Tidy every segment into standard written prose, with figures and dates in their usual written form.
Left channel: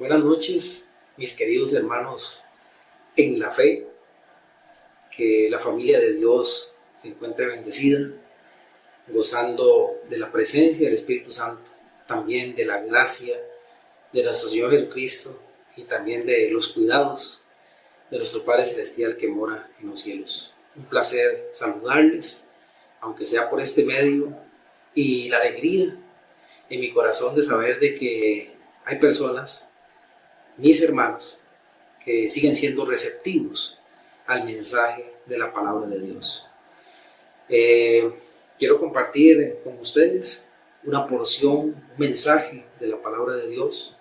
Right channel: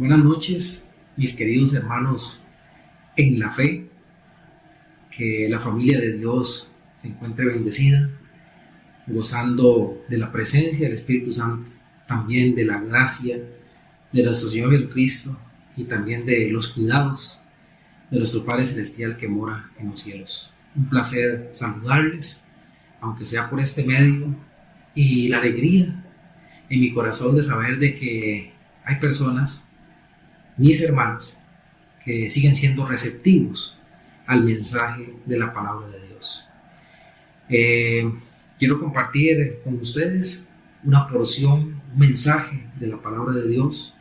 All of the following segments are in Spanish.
Buenas noches, mis queridos hermanos en la fe, que la familia de Dios se encuentre bendecida, gozando de la presencia del Espíritu Santo, también de la gracia de nuestro Señor Jesucristo y también de los cuidados de nuestro Padre Celestial que mora en los cielos. Un placer saludarles, aunque sea por este medio, y la alegría en mi corazón de saber de que hay personas, mis hermanos, que siguen siendo receptivos al mensaje de la palabra de Dios. Quiero compartir con ustedes una porción, un mensaje de la palabra de Dios,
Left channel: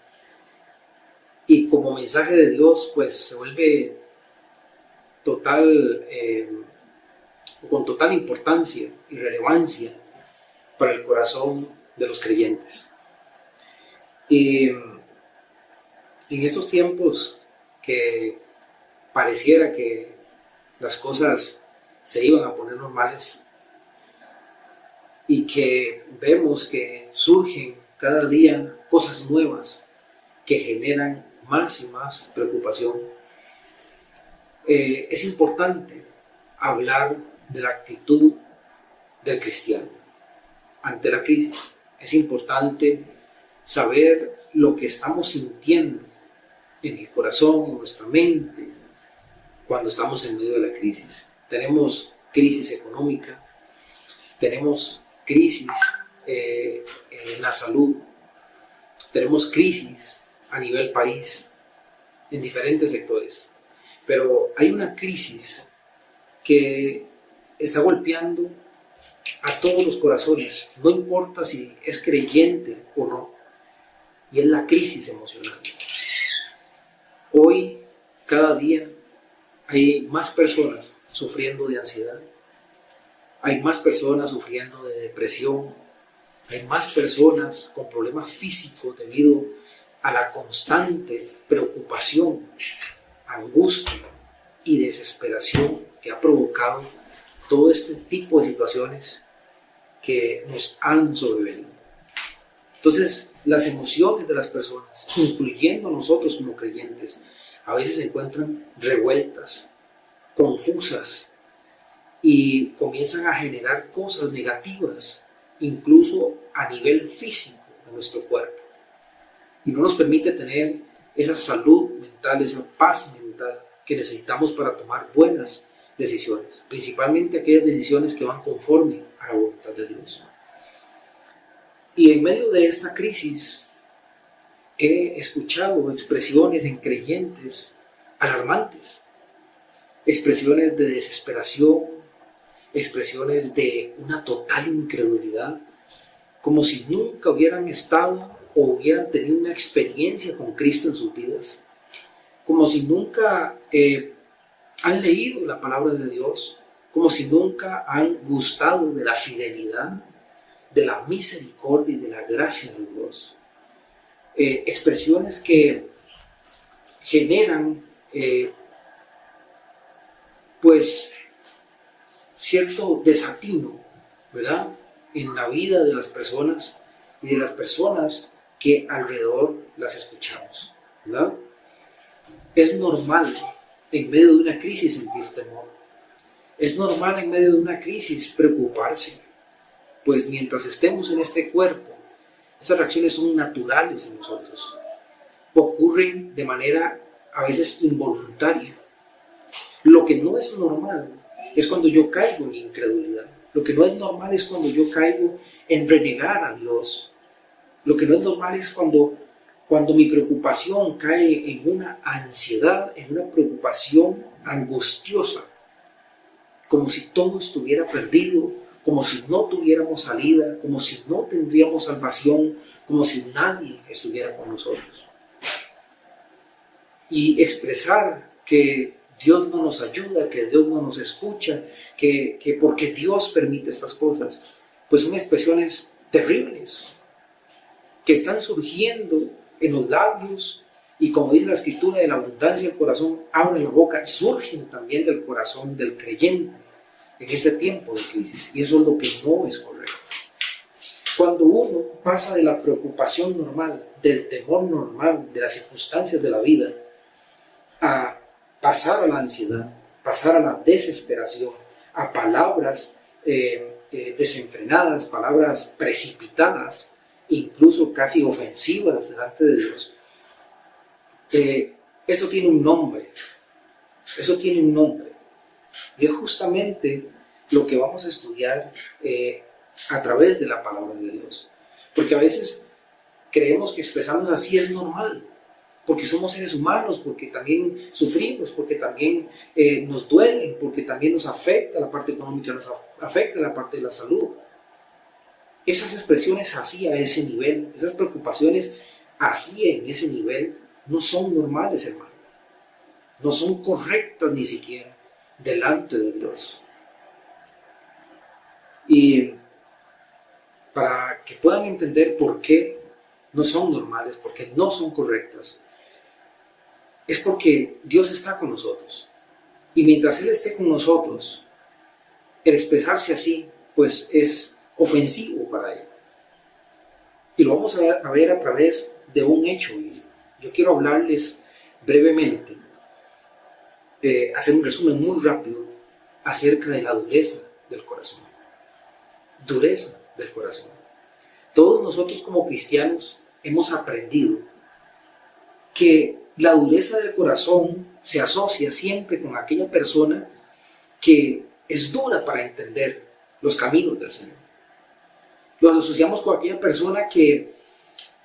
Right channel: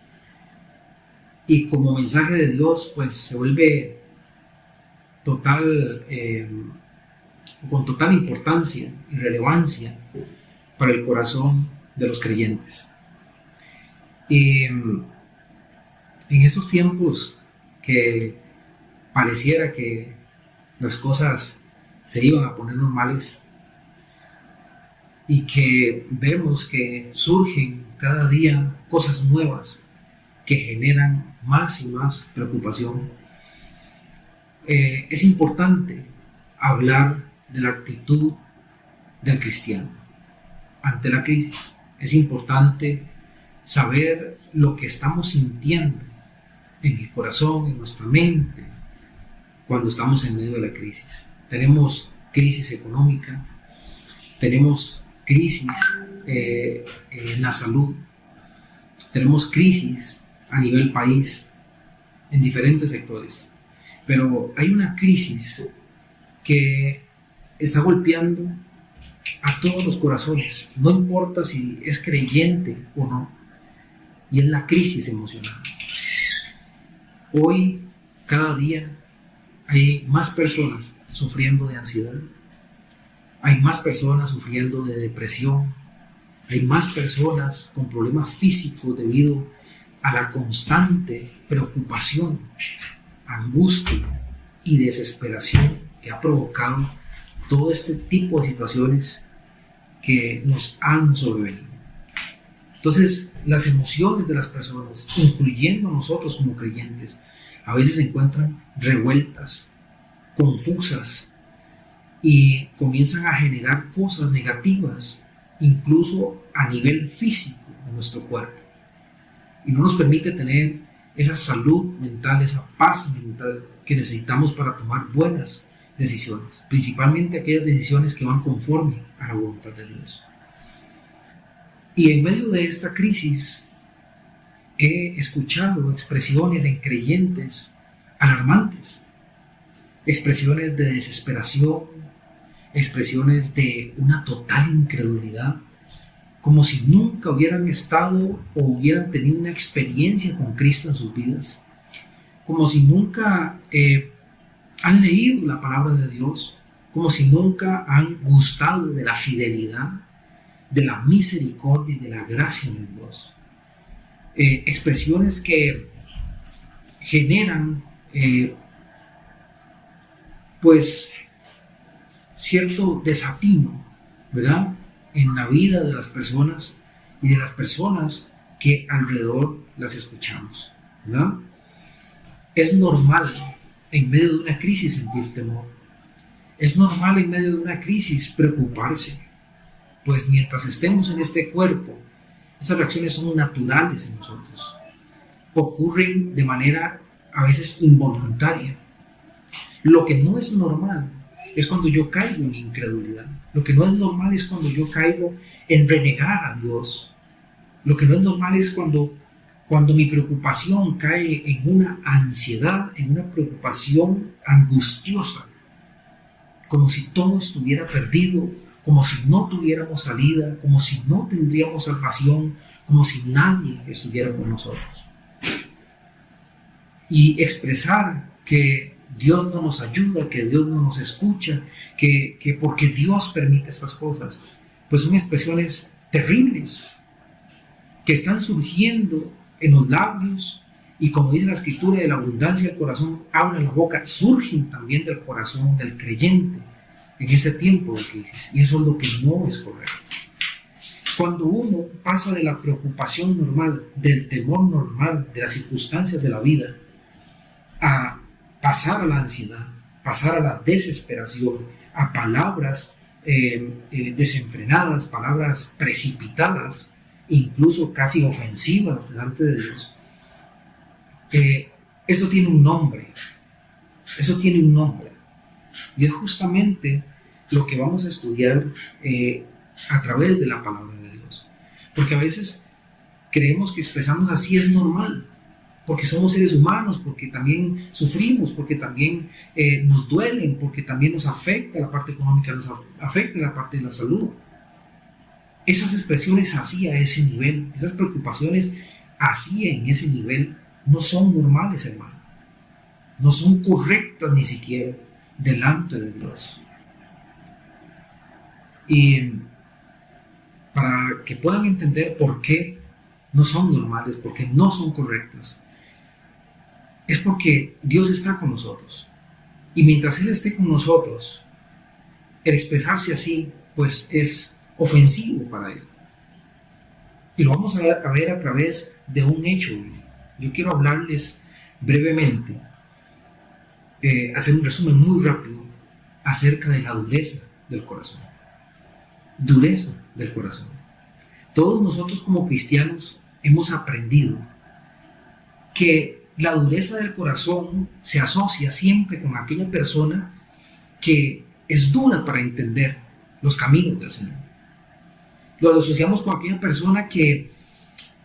y como mensaje de Dios pues se vuelve con total importancia y relevancia para el corazón de los creyentes. Y en estos tiempos que pareciera que las cosas se iban a poner normales y que vemos que surgen cada día cosas nuevas que generan más y más preocupación, es importante hablar de la actitud del cristiano ante la crisis. Es importante saber lo que estamos sintiendo en el corazón, en nuestra mente, cuando estamos en medio de la crisis. Tenemos crisis económica, tenemos crisis en la salud, tenemos crisis a nivel país, en diferentes sectores. Pero hay una crisis que está golpeando a todos los corazones, no importa si es creyente o no, y es la crisis emocional. Hoy, cada día, hay más personas sufriendo de ansiedad, hay más personas sufriendo de depresión, hay más personas con problemas físicos debido a la constante preocupación, angustia y desesperación que ha provocado todo este tipo de situaciones que nos han sobrevenido. Entonces, las emociones de las personas, incluyendo nosotros como creyentes, a veces se encuentran revueltas, confusas, y comienzan a generar cosas negativas, incluso a nivel físico de nuestro cuerpo. Y no nos permite tener esa salud mental, esa paz mental que necesitamos para tomar buenas decisiones, principalmente aquellas decisiones que van conforme a la voluntad de Dios. Y en medio de esta crisis he escuchado expresiones en creyentes alarmantes, expresiones de desesperación, expresiones de una total incredulidad, como si nunca hubieran estado o hubieran tenido una experiencia con Cristo en sus vidas, como si nunca han leído la palabra de Dios, como si nunca han gustado de la fidelidad, de la misericordia y de la gracia de Dios. Expresiones que generan pues cierto desatino, ¿verdad?, en la vida de las personas y de las personas que alrededor las escuchamos, ¿verdad? Es normal en medio de una crisis sentir temor. Es normal en medio de una crisis preocuparse, pues mientras estemos en este cuerpo, esas reacciones son naturales en nosotros. Ocurren de manera a veces involuntaria. Lo que no es normal es cuando yo caigo en incredulidad. Lo que no es normal es cuando yo caigo en renegar a Dios. Lo que no es normal es cuando mi preocupación cae en una ansiedad, en una preocupación angustiosa, como si todo estuviera perdido, como si no tuviéramos salida, como si no tendríamos salvación, como si nadie estuviera con nosotros. Y expresar que Dios no nos ayuda, que Dios no nos escucha, que porque Dios permite estas cosas, pues son expresiones terribles que están surgiendo en los labios, y como dice la escritura, de la abundancia del corazón abre la boca. Surgen también del corazón del creyente en este tiempo de crisis, y eso es lo que no es correcto. Cuando uno pasa de la preocupación normal, del temor normal, de las circunstancias de la vida, a pasar a la ansiedad, pasar a la desesperación, a palabras desenfrenadas, palabras precipitadas, incluso casi ofensivas delante de Dios, eso tiene un nombre, y es justamente lo que vamos a estudiar a través de la palabra de Dios, porque a veces creemos que expresarnos así es normal, porque somos seres humanos, porque también sufrimos, porque también nos duelen, porque también nos afecta la parte económica, nos afecta la parte de la salud. Esas expresiones así a ese nivel, esas preocupaciones así en ese nivel, no son normales, hermano. No son correctas ni siquiera delante de Dios. Y para que puedan entender por qué no son normales, porque no son correctas, es porque Dios está con nosotros. Y mientras Él esté con nosotros, el expresarse así, pues es ofensivo para Él. Y lo vamos a ver a través de un hecho. Yo quiero hablarles brevemente, hacer un resumen muy rápido acerca de la dureza del corazón. Dureza del corazón. Todos nosotros como cristianos hemos aprendido que la dureza del corazón se asocia siempre con aquella persona que es dura para entender los caminos del Señor. Lo asociamos con aquella persona que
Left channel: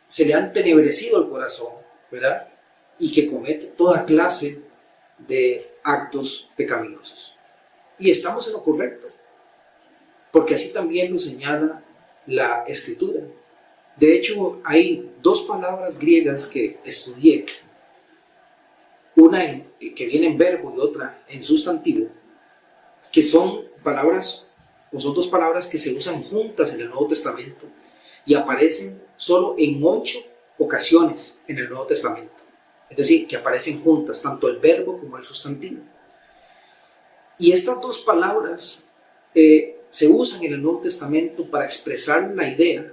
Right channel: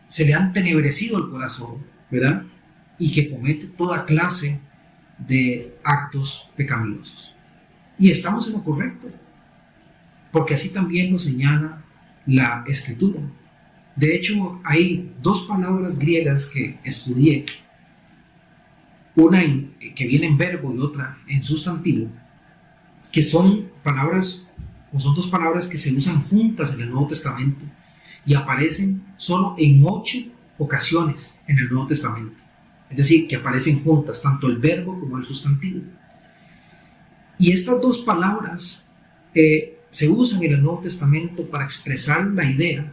se le ha entenebrecido el corazón, ¿verdad? Y que comete toda clase de actos pecaminosos. Y estamos en lo correcto, porque así también lo señala la Escritura. De hecho, hay dos palabras griegas que estudié, una que viene en verbo y otra en sustantivo, que son palabras, o son dos palabras que se usan juntas en el Nuevo Testamento y aparecen solo en 8 ocasiones en el Nuevo Testamento. Es decir, que aparecen juntas, tanto el verbo como el sustantivo. Y estas dos palabras se usan en el Nuevo Testamento para expresar la idea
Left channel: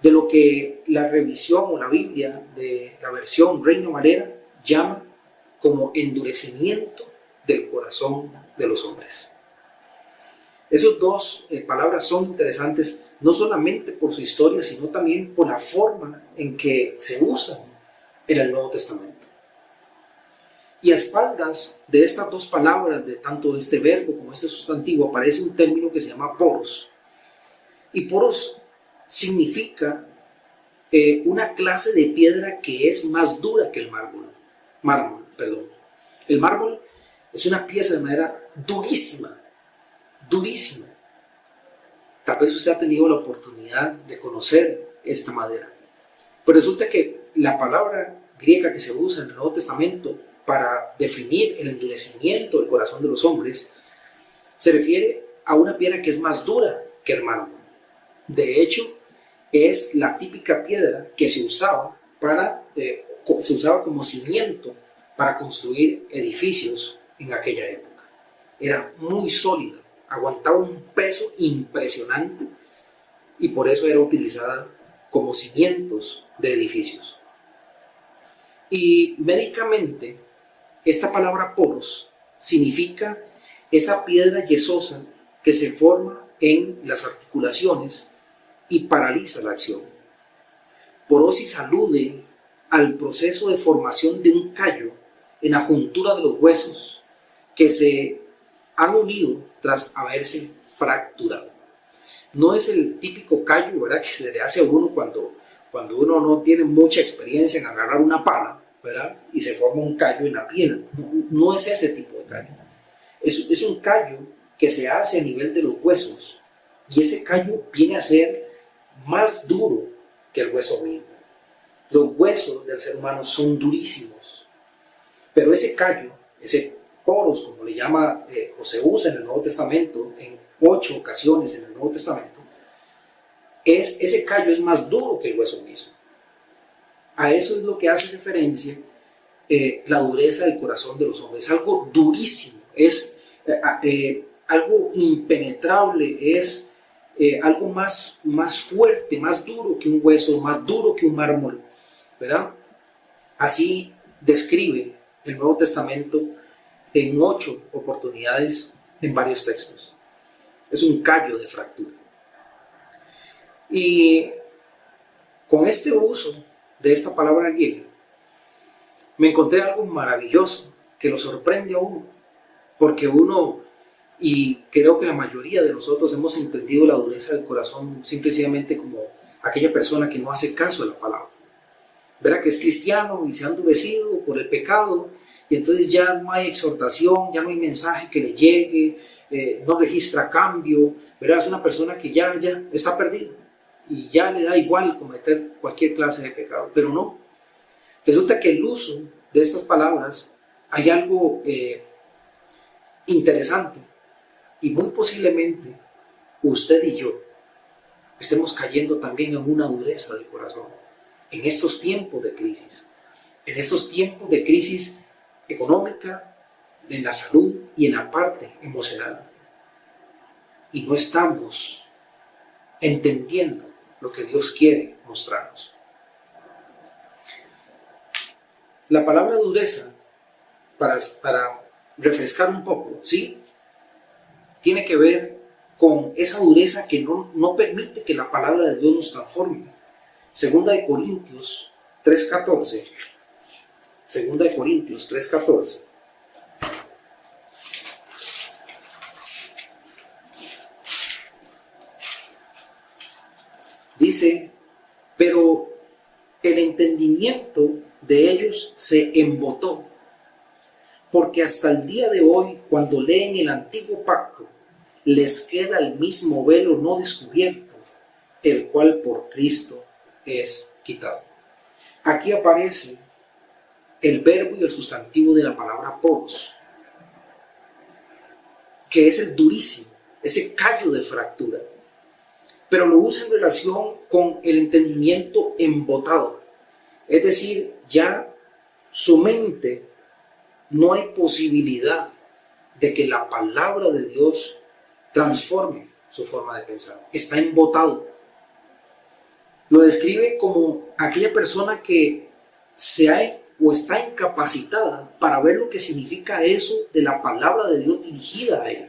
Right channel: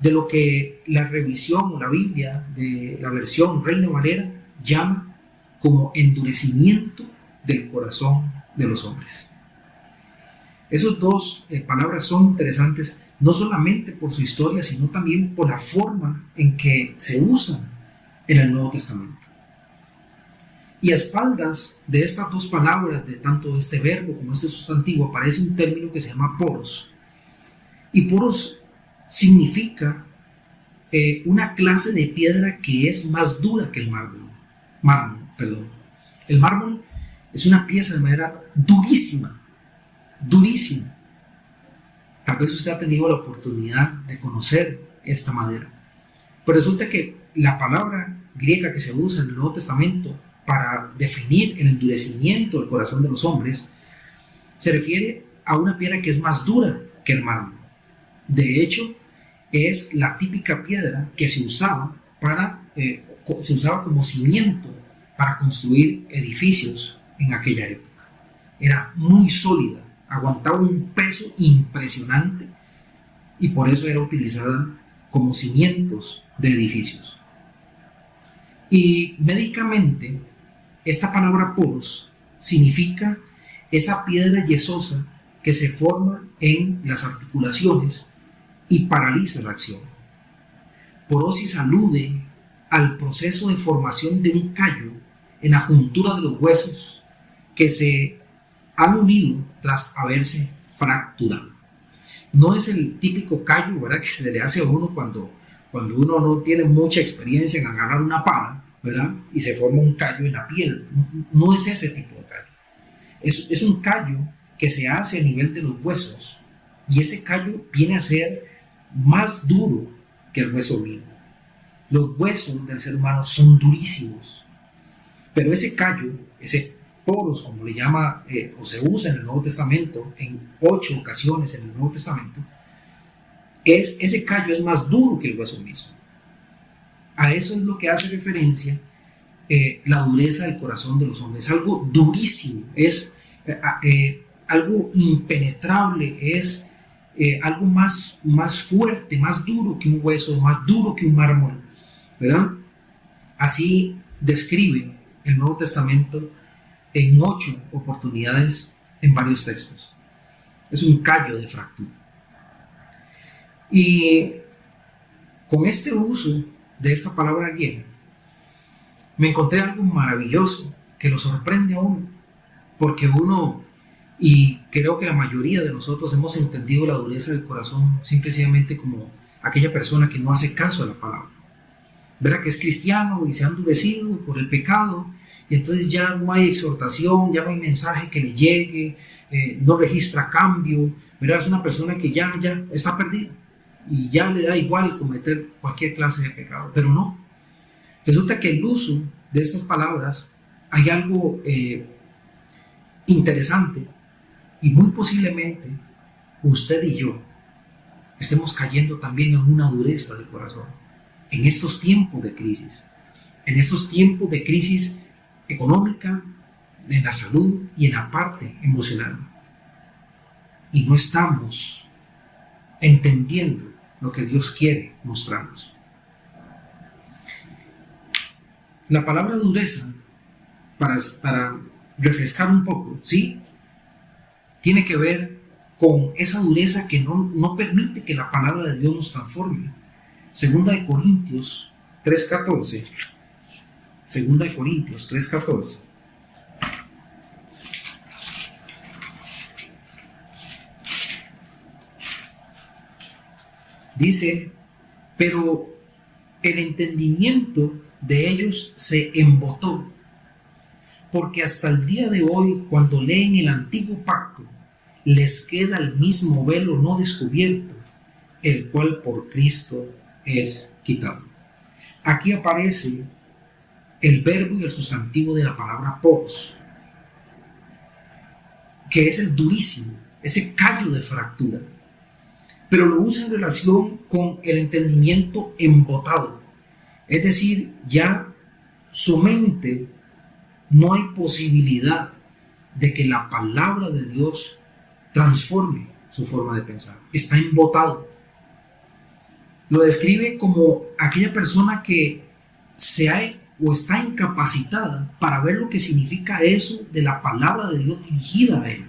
de lo que la revisión o la Biblia de la versión Reina Valera llama como endurecimiento del corazón de los hombres. Esas dos palabras son interesantes no solamente por su historia, sino también por la forma en que se usan en el Nuevo Testamento. Y a espaldas de estas dos palabras, de tanto este verbo como este sustantivo, aparece un término que se llama poros. Y poros significa una clase de piedra que es más dura que el mármol. El mármol es una pieza de madera durísima. Tal vez usted ha tenido la oportunidad de conocer esta madera. Pero resulta que la palabra griega que se usa en el Nuevo Testamento para definir el endurecimiento del corazón de los hombres se refiere a una piedra que es más dura que el mármol. De hecho, es la típica piedra que se usaba como cimiento para construir edificios en aquella época. Era muy sólida, aguantaba un peso impresionante y por eso era utilizada como cimientos de edificios. Y médicamente, esta palabra poros significa esa piedra yesosa que se forma en las articulaciones y paraliza la acción. Porosis alude al proceso de formación de un callo en la juntura de los huesos que se han unido tras haberse fracturado. No es el típico callo, ¿verdad?, que se le hace a uno cuando uno no tiene mucha experiencia en agarrar una pala, ¿verdad?, y se forma un callo en la piel. No es ese tipo de callo. Es un callo que se hace a nivel de los huesos, y ese callo viene a ser más duro que el hueso mismo. Los huesos del ser humano son durísimos, pero ese callo, ese poros, como le llama o se usa en el Nuevo Testamento, en 8 ocasiones en el Nuevo Testamento, ese callo es más duro que el hueso mismo. A eso es lo que hace referencia la dureza del corazón de los hombres. Es algo durísimo, es algo impenetrable, es algo más fuerte, más duro que un hueso, más duro que un mármol, ¿verdad? Así describe el Nuevo Testamento en 8 oportunidades en varios textos. Es un callo de fractura. Y con este uso de esta palabra griega, me encontré algo maravilloso que lo sorprende a uno, porque uno, y creo que la mayoría de nosotros hemos entendido la dureza del corazón simplemente como aquella persona que no hace caso a la palabra. Verá que es cristiano y se ha endurecido por el pecado, y entonces ya no hay exhortación, ya no hay mensaje que le llegue, no registra cambio, verá, es una persona que ya está perdida y ya le da igual cometer cualquier clase de pecado, pero no. Resulta que el uso de estas palabras, hay algo interesante, y muy posiblemente usted y yo estemos cayendo también en una dureza del corazón en estos tiempos de crisis, económica, en la salud y en la parte emocional, y no estamos entendiendo lo que Dios quiere mostrarnos. La palabra dureza, para refrescar un poco, ¿sí?, tiene que ver con esa dureza que no permite que la palabra de Dios nos transforme. Segunda de Corintios 3:14. Segunda de Corintios 3:14. Dice, pero el entendimiento de ellos se embotó, porque hasta el día de hoy, cuando leen el antiguo pacto, les queda el mismo velo no descubierto, el cual por Cristo es quitado. Aquí aparece el verbo y el sustantivo de la palabra poros, que es el durísimo, ese callo de fractura, pero lo usa en relación con el entendimiento embotado, es decir, ya su mente no hay posibilidad de que la palabra de Dios transforme su forma de pensar. Está embotado. Lo describe como aquella persona que está incapacitada para ver lo que significa eso de la palabra de Dios dirigida a él.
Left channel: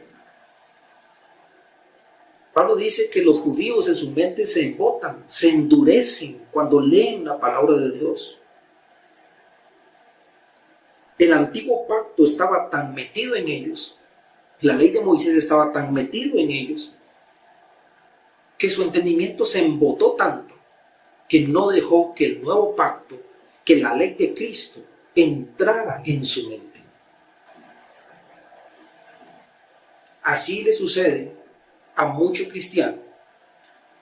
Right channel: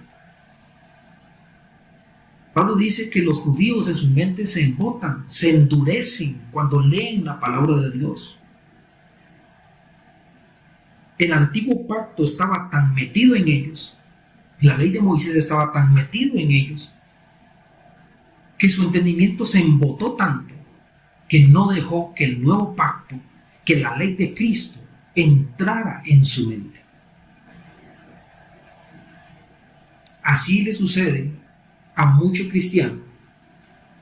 Pablo dice que los judíos en su mente se embotan, se endurecen cuando leen la palabra de Dios. El antiguo pacto estaba tan metido en ellos, la ley de Moisés estaba tan metido en ellos, que su entendimiento se embotó tanto que no dejó que el nuevo pacto, que la ley de Cristo, entrara en su mente. Así le sucede a muchos cristianos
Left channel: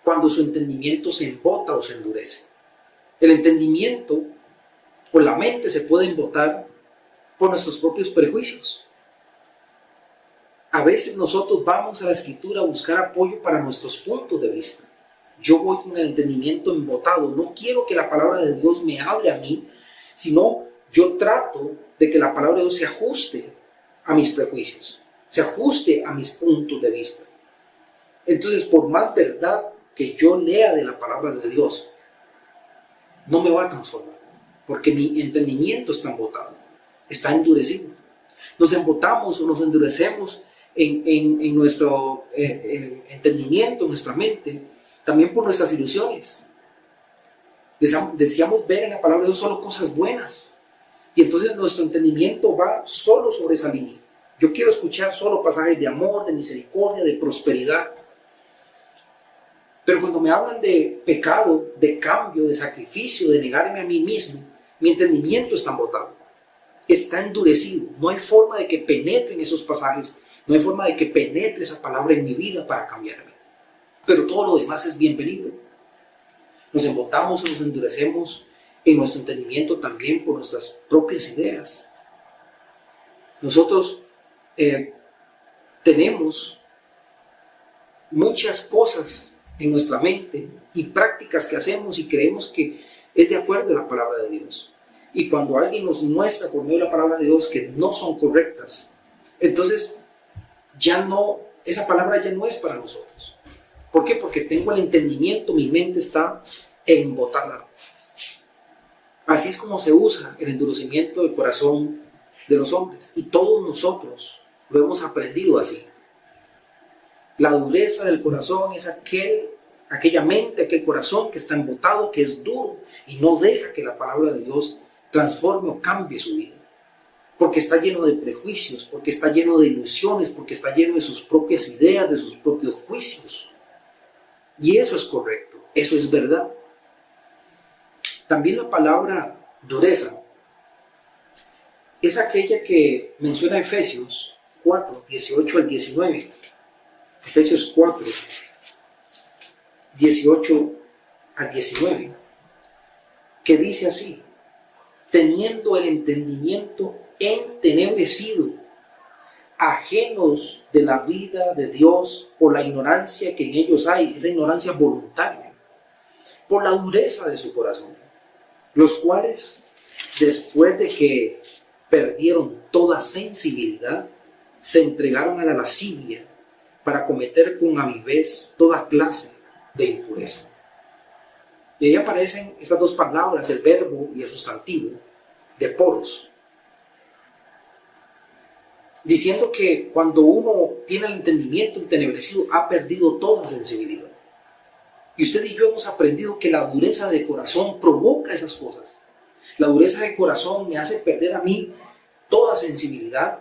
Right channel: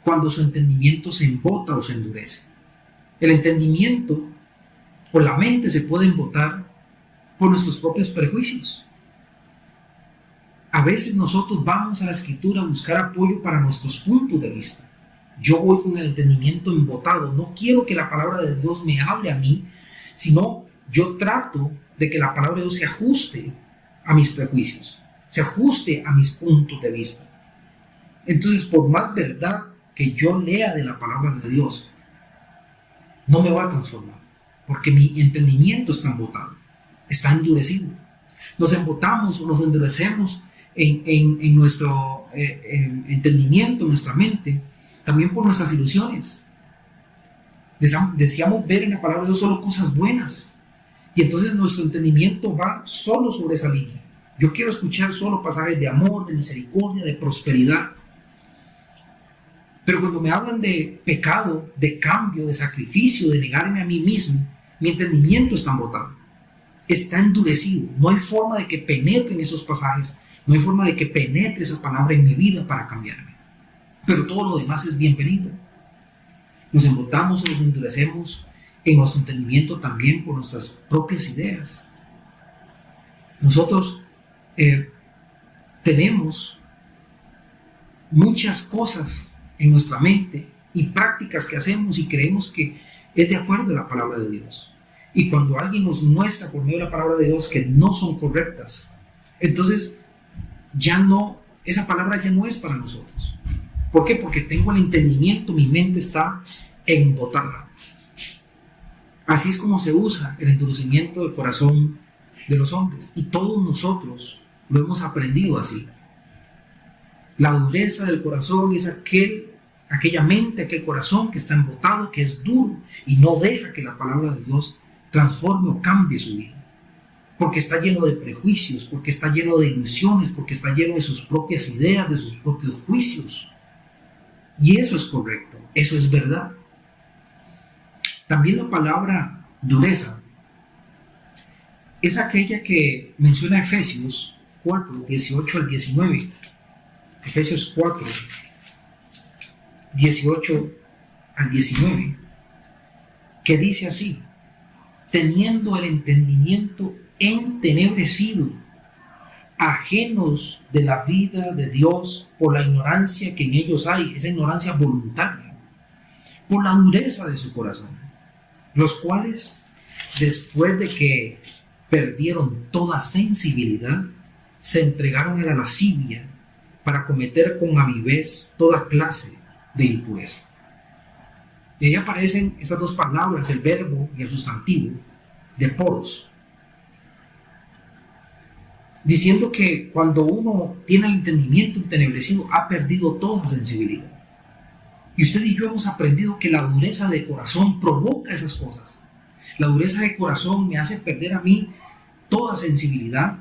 cuando su entendimiento se embota o se endurece. El entendimiento o la mente se puede embotar por nuestros propios prejuicios. A veces nosotros vamos a la Escritura a buscar apoyo para nuestros puntos de vista. Yo voy con el entendimiento embotado. No quiero que la palabra de Dios me hable a mí, sino yo trato de que la palabra de Dios se ajuste a mis prejuicios, se ajuste a mis puntos de vista. Entonces, por más verdad que yo lea de la palabra de Dios, no me va a transformar, porque mi entendimiento está embotado, está endurecido. Nos embotamos o nos endurecemos en nuestro entendimiento, en nuestra mente, también por nuestras ilusiones. Deseamos ver en la palabra de Dios solo cosas buenas, y entonces nuestro entendimiento va solo sobre esa línea. Yo quiero escuchar solo pasajes de amor, de misericordia, de prosperidad. Pero cuando me hablan de pecado, de cambio, de sacrificio, de negarme a mí mismo, mi entendimiento está embotado, está endurecido. No hay forma de que penetren esos pasajes, no hay forma de que penetre esa palabra en mi vida para cambiarme. Pero todo lo demás es bienvenido. Nos embotamos o nos endurecemos en nuestro entendimiento también por nuestras propias ideas. Nosotros tenemos muchas cosas en nuestra mente y prácticas que hacemos y creemos que es de acuerdo a la palabra de Dios. Y cuando alguien nos muestra por medio de la palabra de Dios que no son correctas, entonces esa palabra ya no es para nosotros. ¿Por qué? Porque tengo el entendimiento, mi mente está embotada. Así es como se usa el endurecimiento del corazón de los hombres. Y todos nosotros lo hemos aprendido así. La dureza del corazón es aquella mente, aquel corazón que está embotado, que es duro y no deja que la palabra de Dios transforme o cambie su vida. Porque está lleno de prejuicios, porque está lleno de ilusiones, porque está lleno de sus propias ideas, de sus propios juicios. Y eso es correcto, eso es verdad. También la palabra dureza es aquella que menciona Efesios 4, 18 al 19. Efesios 4, 18 al 19, que dice así: teniendo el entendimiento entenebrecido, ajenos de la vida de Dios por la ignorancia que en ellos hay, esa ignorancia voluntaria, por la dureza de su corazón, los cuales, después de que perdieron toda sensibilidad, se entregaron a la lascivia para cometer con avidez toda clase de impureza. Y ahí aparecen estas dos palabras, el verbo y el sustantivo, de poros, diciendo que cuando uno tiene el entendimiento entenebrecido, ha perdido toda sensibilidad. Y usted y yo hemos aprendido que la dureza de corazón provoca esas cosas. La dureza de corazón me hace perder a mí toda sensibilidad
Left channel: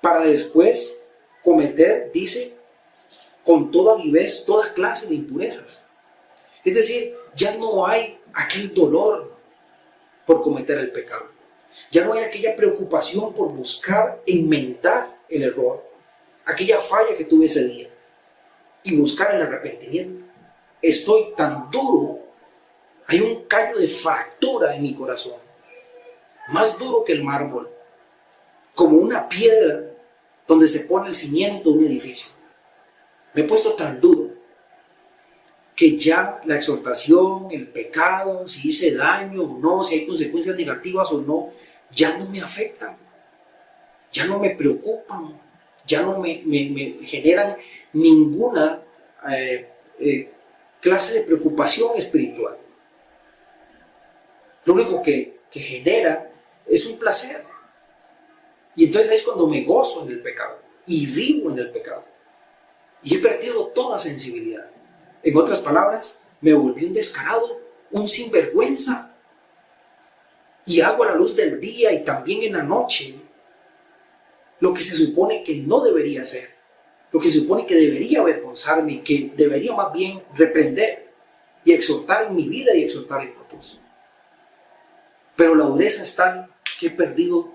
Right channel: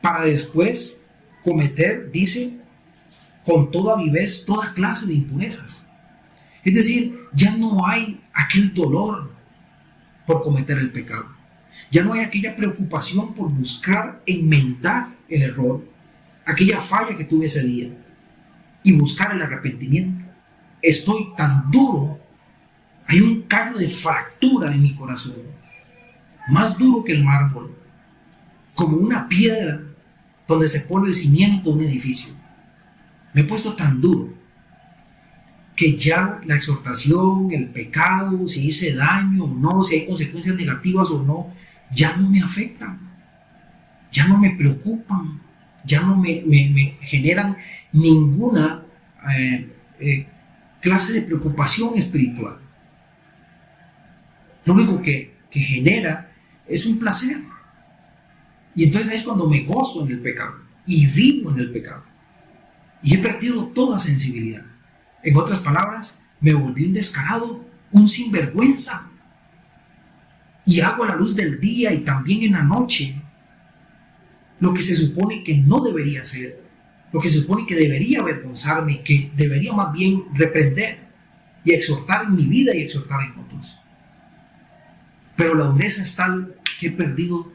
para después cometer, dice, con toda vivez, toda clase de impurezas. Es decir, ya no hay aquel dolor por cometer el pecado. Ya no hay aquella preocupación por buscar enmendar el error, aquella falla que tuve ese día, y buscar el arrepentimiento. Estoy tan duro, hay un callo de fractura en mi corazón, más duro que el mármol, como una piedra donde se pone el cimiento de un edificio. Me he puesto tan duro que ya la exhortación, el pecado, si hice daño o no, si hay consecuencias negativas o no, ya no me afectan, ya no me preocupan, ya no me generan ninguna clase de preocupación espiritual. Lo único que genera es un placer. Y entonces ahí es cuando me gozo en el pecado y vivo en el pecado. Y he perdido toda sensibilidad. En otras palabras, me volví un descarado, un sinvergüenza. Y hago a la luz del día y también en la noche lo que se supone que no debería hacer, lo que se supone que debería avergonzarme, que debería más bien reprender y exhortar en mi vida y exhortar en otros. Pero la dureza es tal que he perdido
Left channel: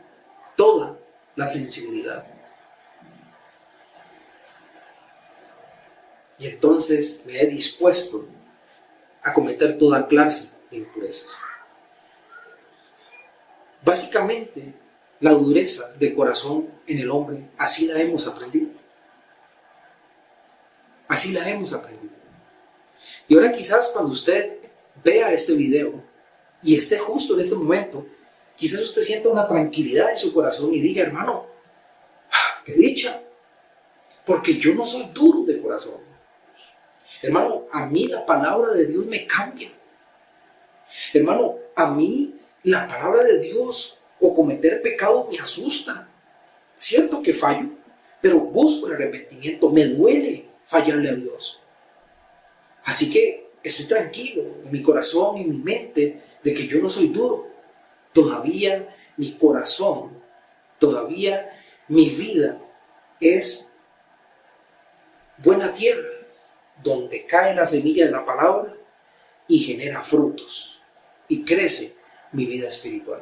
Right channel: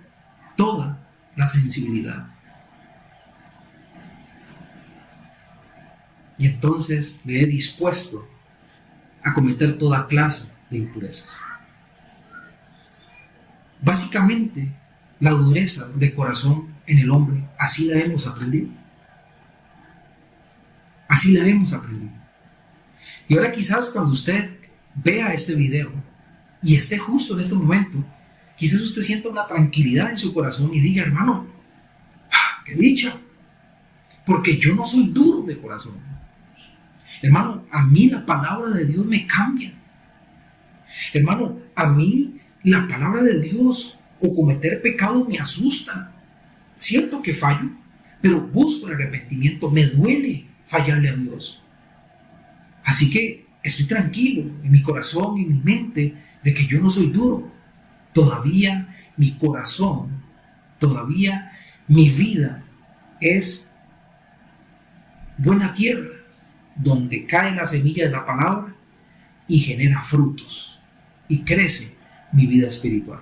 toda la sensibilidad. Y entonces me he dispuesto a cometer toda clase de impurezas. Básicamente, la dureza de corazón en el hombre, así la hemos aprendido. Así la hemos aprendido. Y ahora quizás cuando usted vea este video y esté justo en este momento, quizás usted sienta una tranquilidad en su corazón y diga: hermano, qué dicha, porque yo no soy duro de corazón. Hermano, a mí la palabra de Dios me cambia. Hermano, a mí la palabra de Dios o cometer pecado me asusta. Siento que fallo, pero busco el arrepentimiento. Me duele fallarle a Dios. Así que estoy tranquilo en mi corazón y en mi mente de que yo no soy duro. Todavía mi corazón, todavía mi vida es buena tierra, donde cae la semilla de la palabra y genera frutos y crece mi vida espiritual.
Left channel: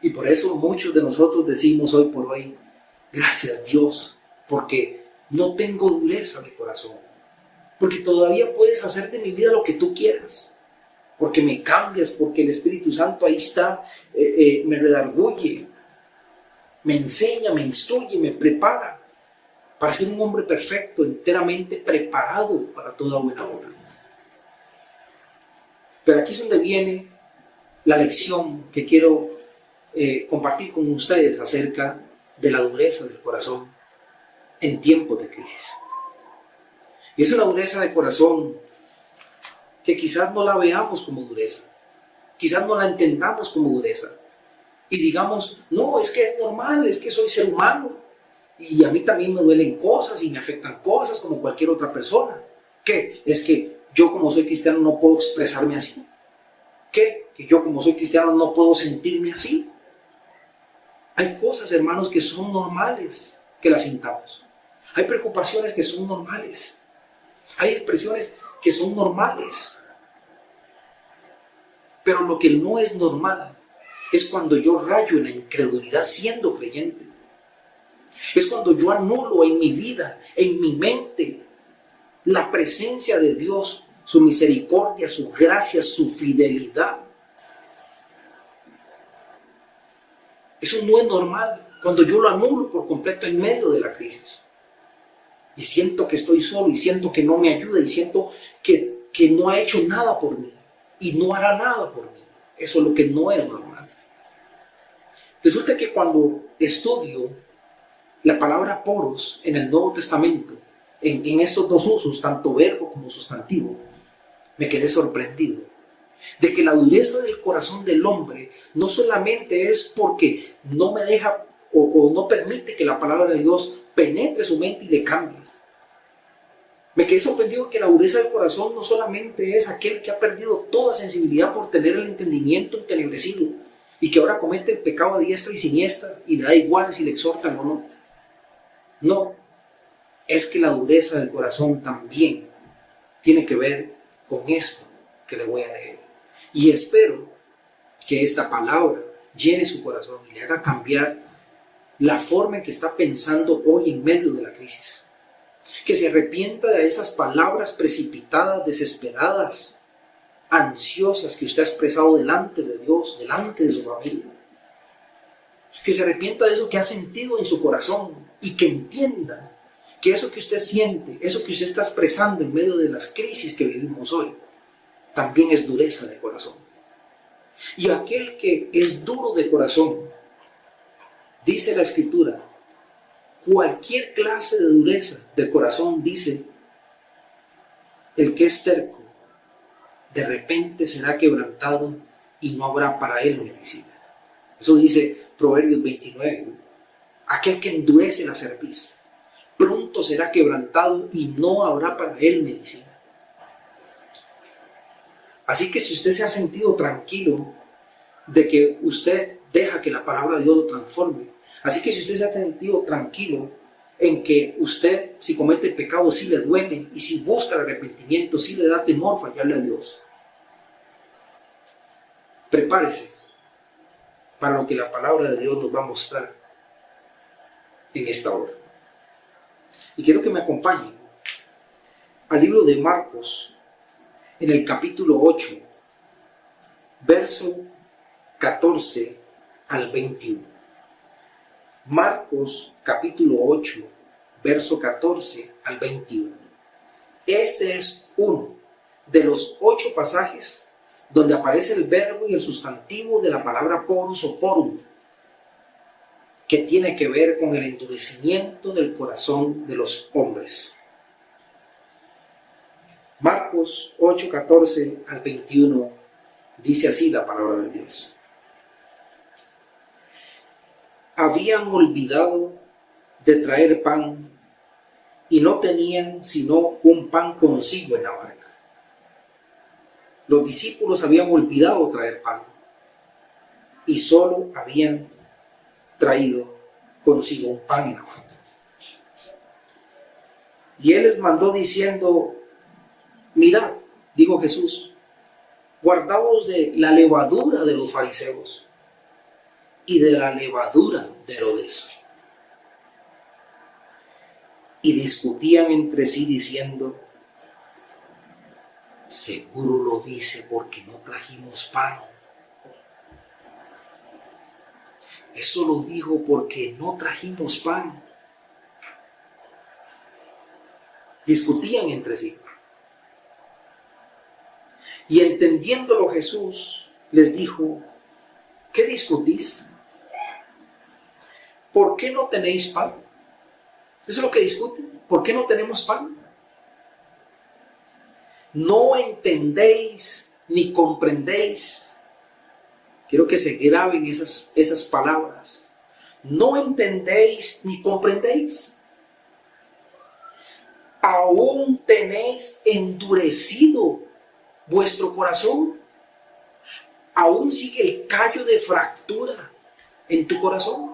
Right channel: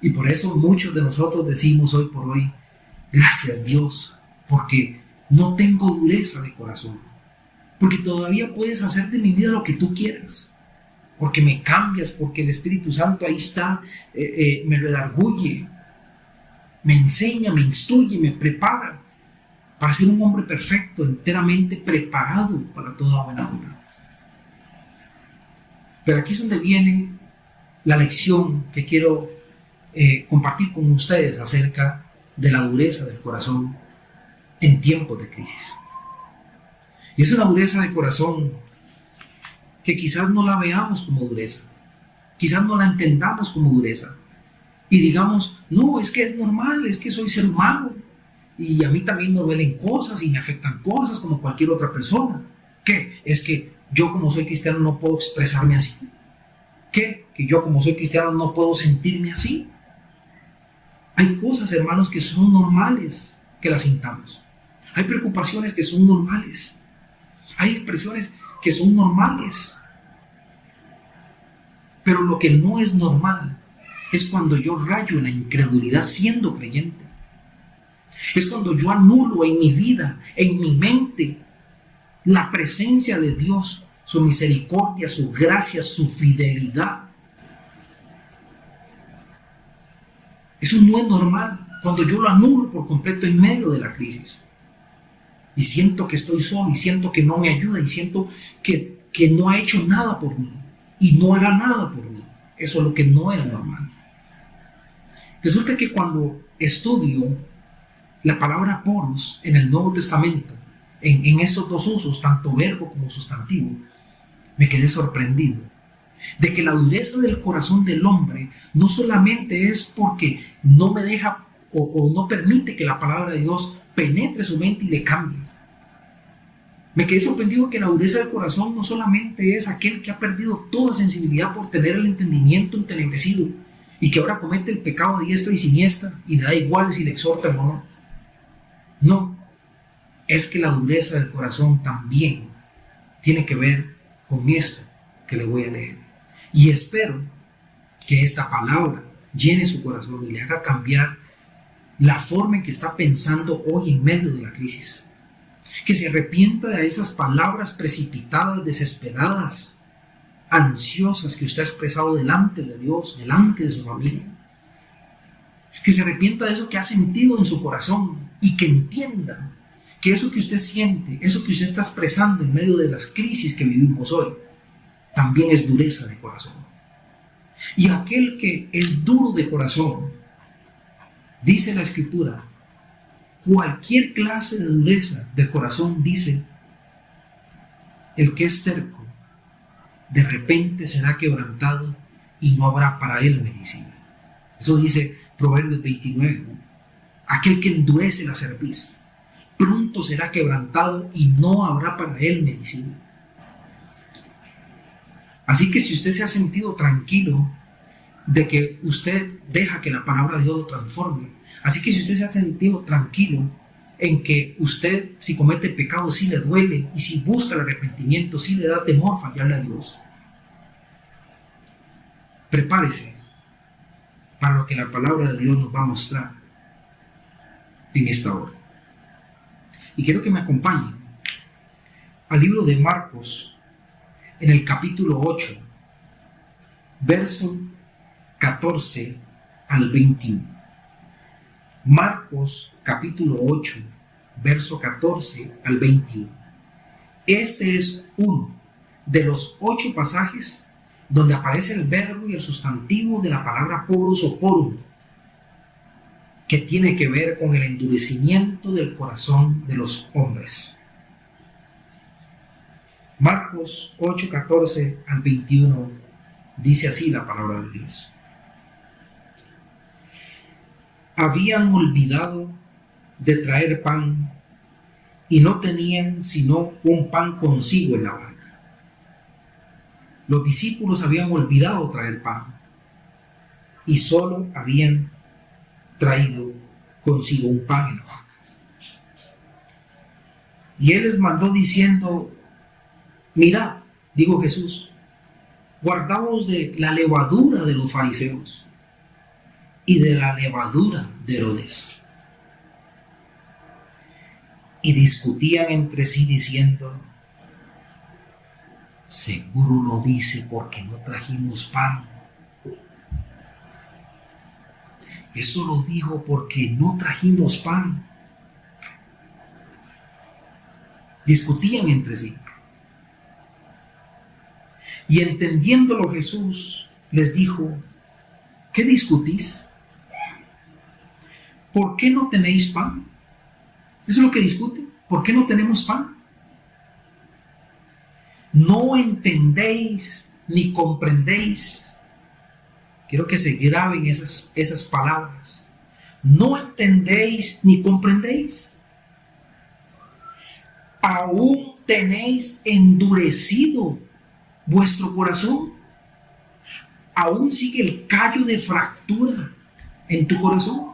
Y por eso muchos de nosotros decimos hoy por hoy: gracias Dios, porque no tengo dureza de corazón, porque todavía puedes hacer de mi vida lo que tú quieras, porque me cambias, porque el Espíritu Santo ahí está, me redarguye, me enseña, me instruye, me prepara para ser un hombre perfecto, enteramente preparado para toda buena obra. Pero aquí es donde viene la lección que quiero compartir con ustedes acerca de la dureza del corazón en tiempos de crisis. Y es una dureza de corazón que quizás no la veamos como dureza, quizás no la entendamos como dureza y digamos, no, es que es normal, es que soy ser humano y a mí también me duelen cosas y me afectan cosas como cualquier otra persona. ¿Qué? Es que yo como soy cristiano no puedo expresarme así. ¿Qué? Que yo como soy cristiano no puedo sentirme así. Hay cosas, hermanos, que son normales que las sintamos. Hay preocupaciones que son normales. Hay expresiones que son normales. Pero lo que no es normal es cuando yo rayo en la incredulidad siendo creyente. Es cuando yo anulo en mi vida, en mi mente, la presencia de Dios, su misericordia, su gracia, su fidelidad. Eso no es normal cuando yo lo anulo por completo en medio de la crisis. Y siento que estoy solo y siento que no me ayuda y siento que no ha hecho nada por mí y no hará nada por mí. Eso es lo que no es normal. Resulta que cuando estudio la palabra poros en el Nuevo Testamento, en estos dos usos, tanto verbo como sustantivo, me quedé sorprendido de que la dureza del corazón del hombre no solamente es porque no me deja o no permite que la palabra de Dios penetre su mente y le cambie. Me quedé sorprendido que la dureza del corazón no solamente es aquel que ha perdido toda sensibilidad por tener el entendimiento entenebrecido y que ahora comete el pecado a diestra y siniestra y le da igual si le exhortan o no. No, es que la dureza del corazón también tiene que ver con esto que le voy a leer. Y espero que esta palabra llene su corazón y le haga cambiar la forma en que está pensando hoy en medio de la crisis. Que se arrepienta de esas palabras precipitadas, desesperadas, ansiosas que usted ha expresado delante de Dios, delante de su familia. Que se arrepienta de eso que ha sentido en su corazón y que entienda que eso que usted siente, eso que usted está expresando en medio de las crisis que vivimos hoy, también es dureza de corazón. Y aquel que es duro de corazón, dice la Escritura, cualquier clase de dureza de corazón, dice, el que es terco, de repente será quebrantado y no habrá para él medicina. Eso dice Proverbios 29. Aquel que endurece la cerviz, pronto será quebrantado y no habrá para él medicina. Así que si usted se ha sentido tranquilo de que usted deja que la palabra de Dios lo transforme, así que si usted se ha sentido tranquilo en que usted, si comete pecado, sí le duele, y si busca el arrepentimiento, sí le da temor fallarle a Dios, prepárese para lo que la palabra de Dios nos va a mostrar en esta hora. Y quiero que me acompañen al libro de Marcos, en el capítulo 8, verso 14 al 21. Marcos capítulo 8, verso 14 al 21. Este es uno de los 8 pasajes donde aparece el verbo y el sustantivo de la palabra poros o porum, que tiene que ver con el endurecimiento del corazón de los hombres. Marcos 8, 14 al 21 dice así la palabra de Dios. Habían olvidado de traer pan y no tenían sino un pan consigo en la barca. Los discípulos habían olvidado traer pan y solo habían traído consigo un pan en la barca. Y él les mandó diciendo, mirad, dijo Jesús, guardaos de la levadura de los fariseos y de la levadura de Herodes. Y discutían entre sí diciendo, seguro lo dice porque no trajimos pan. Eso lo dijo porque no trajimos pan. Discutían entre sí. Y entendiéndolo Jesús les dijo, ¿qué discutís? ¿Por qué no tenéis pan? Eso es lo que discuten. ¿Por qué no tenemos pan? No entendéis ni comprendéis. Quiero que se graben esas palabras. No entendéis ni comprendéis. Aún tenéis endurecido vuestro corazón. Aún sigue el callo de fractura en tu corazón.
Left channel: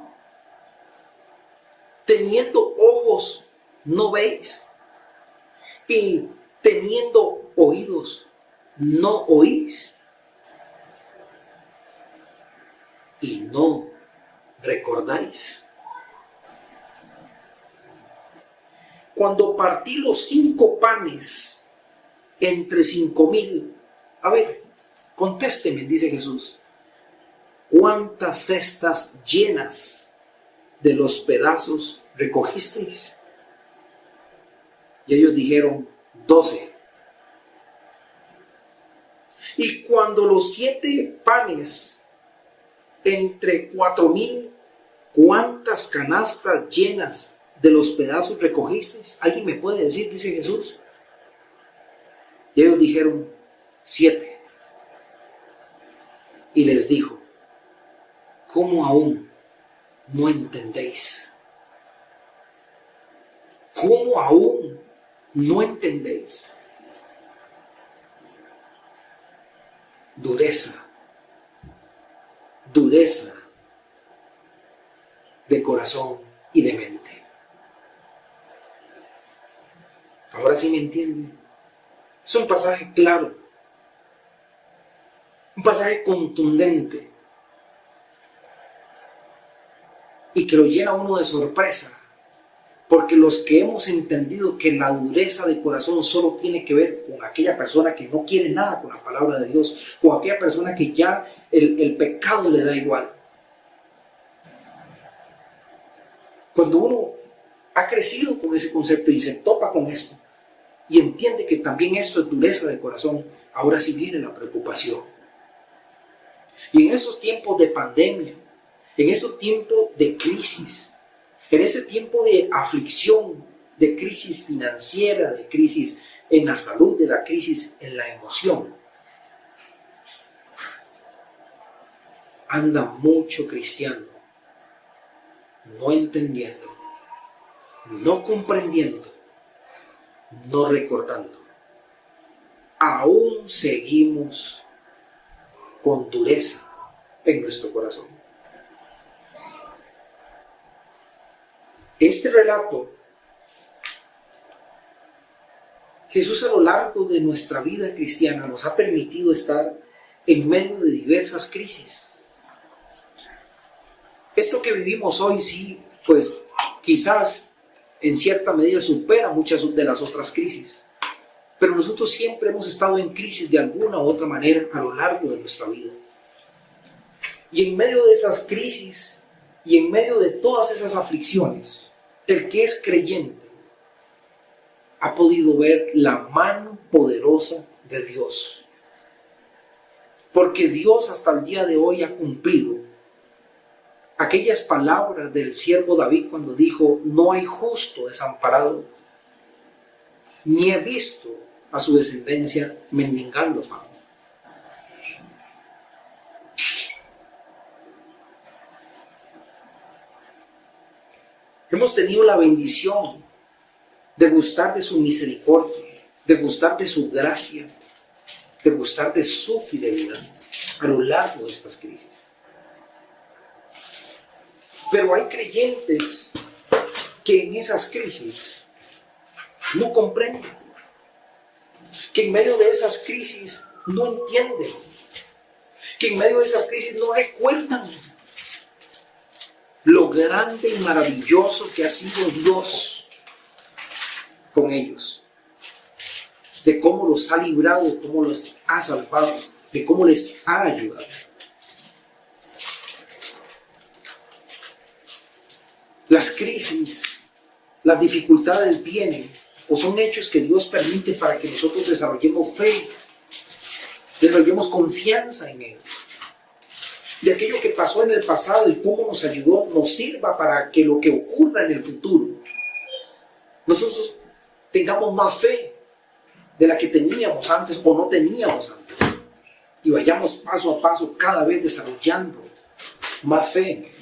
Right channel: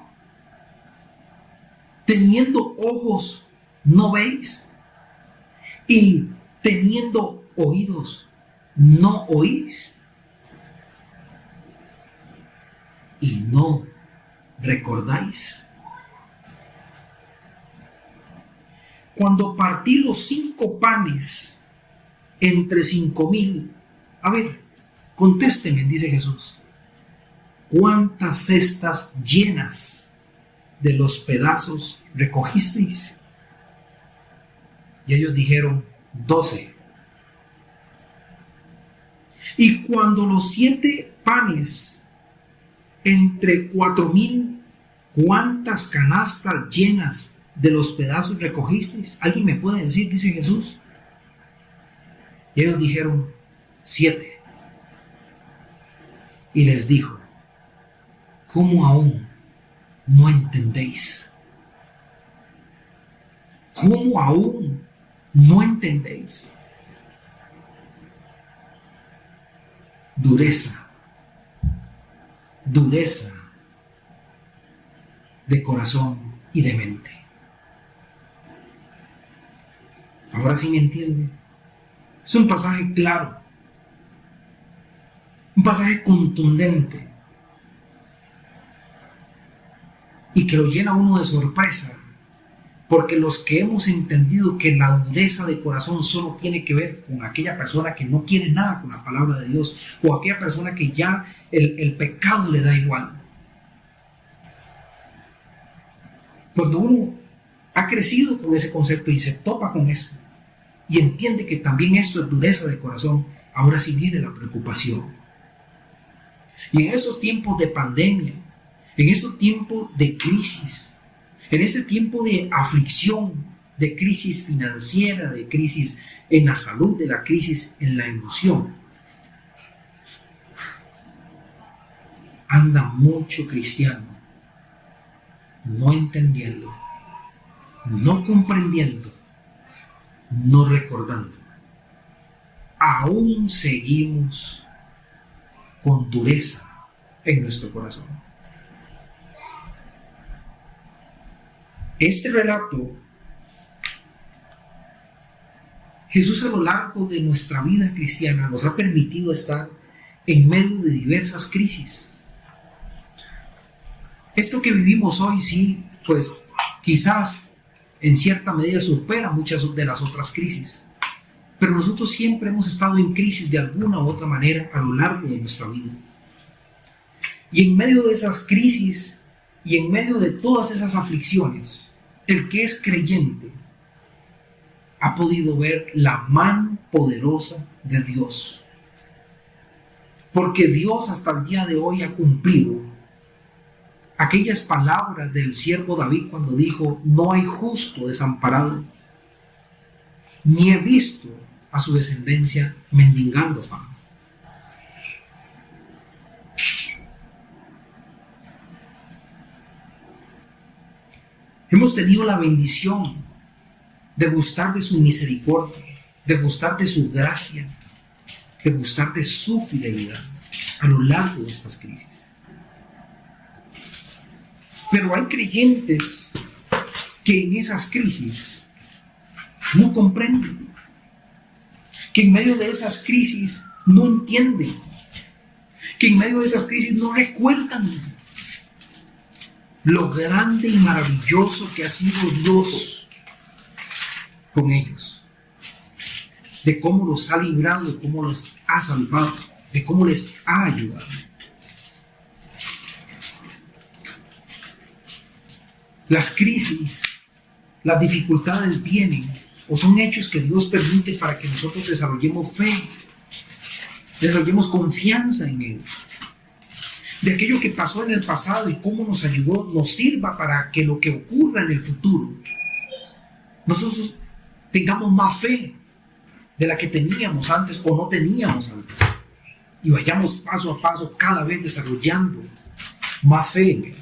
Teniendo ojos, no veis. Y teniendo oídos, no oís. Y no recordáis. Cuando partí los 5 panes entre 5,000, a ver, contésteme, dice Jesús, ¿cuántas cestas llenas de los pedazos recogisteis? Y ellos dijeron, 12. Y cuando los 7 panes entre 4,000, ¿cuántas canastas llenas de los pedazos recogisteis? ¿Alguien me puede decir? Dice Jesús. Y ellos dijeron, 7. Y les dijo, ¿cómo aún no entendéis? ¿Cómo aún no entendéis? Dureza de corazón y de mente. Ahora sí me entiende. Es un pasaje claro, un pasaje contundente y que lo llena uno de sorpresa, porque los que hemos entendido que la dureza de corazón solo tiene que ver con aquella persona que no quiere nada con la palabra de Dios, o aquella persona que ya el pecado le da igual. Cuando uno ha crecido con ese concepto y se topa con esto y entiende que también esto es dureza de corazón, ahora sí viene la preocupación. Y en estos tiempos de pandemia, en estos tiempos de crisis, en este tiempo de aflicción, de crisis financiera, de crisis en la salud, de la crisis en la emoción, anda mucho cristiano no entendiendo, no comprendiendo, no recordando. Aún seguimos con dureza en nuestro corazón. Este relato, Jesús a lo largo de nuestra vida cristiana nos ha permitido estar en medio de diversas crisis. Esto que vivimos hoy sí, pues quizás en cierta medida supera muchas de las otras crisis. Pero nosotros siempre hemos estado en crisis de alguna u otra manera a lo largo de nuestra vida. Y en medio de esas crisis y en medio de todas esas aflicciones, el que es creyente ha podido ver la mano poderosa de Dios. Porque Dios hasta el día de hoy ha cumplido aquellas palabras del siervo David cuando dijo: no hay justo desamparado, ni he visto a su descendencia mendigando pan. Hemos tenido la bendición de gustar de su misericordia, de gustar de su gracia, de gustar de su fidelidad a lo largo de estas crisis. Pero hay creyentes que en esas crisis no comprenden, que en medio de esas crisis no entienden, que en medio de esas crisis no recuerdan lo grande y maravilloso que ha sido Dios con ellos, de cómo los ha librado, de cómo los ha salvado, de cómo les ha ayudado. Las crisis, las dificultades vienen o son hechos que Dios permite para que nosotros desarrollemos fe, desarrollemos confianza en Él. De aquello que pasó en el pasado y cómo nos ayudó, nos sirva para que lo que ocurra en el futuro nosotros tengamos más fe de la que teníamos antes o no teníamos antes. Y vayamos paso a paso cada vez desarrollando más fe en Él.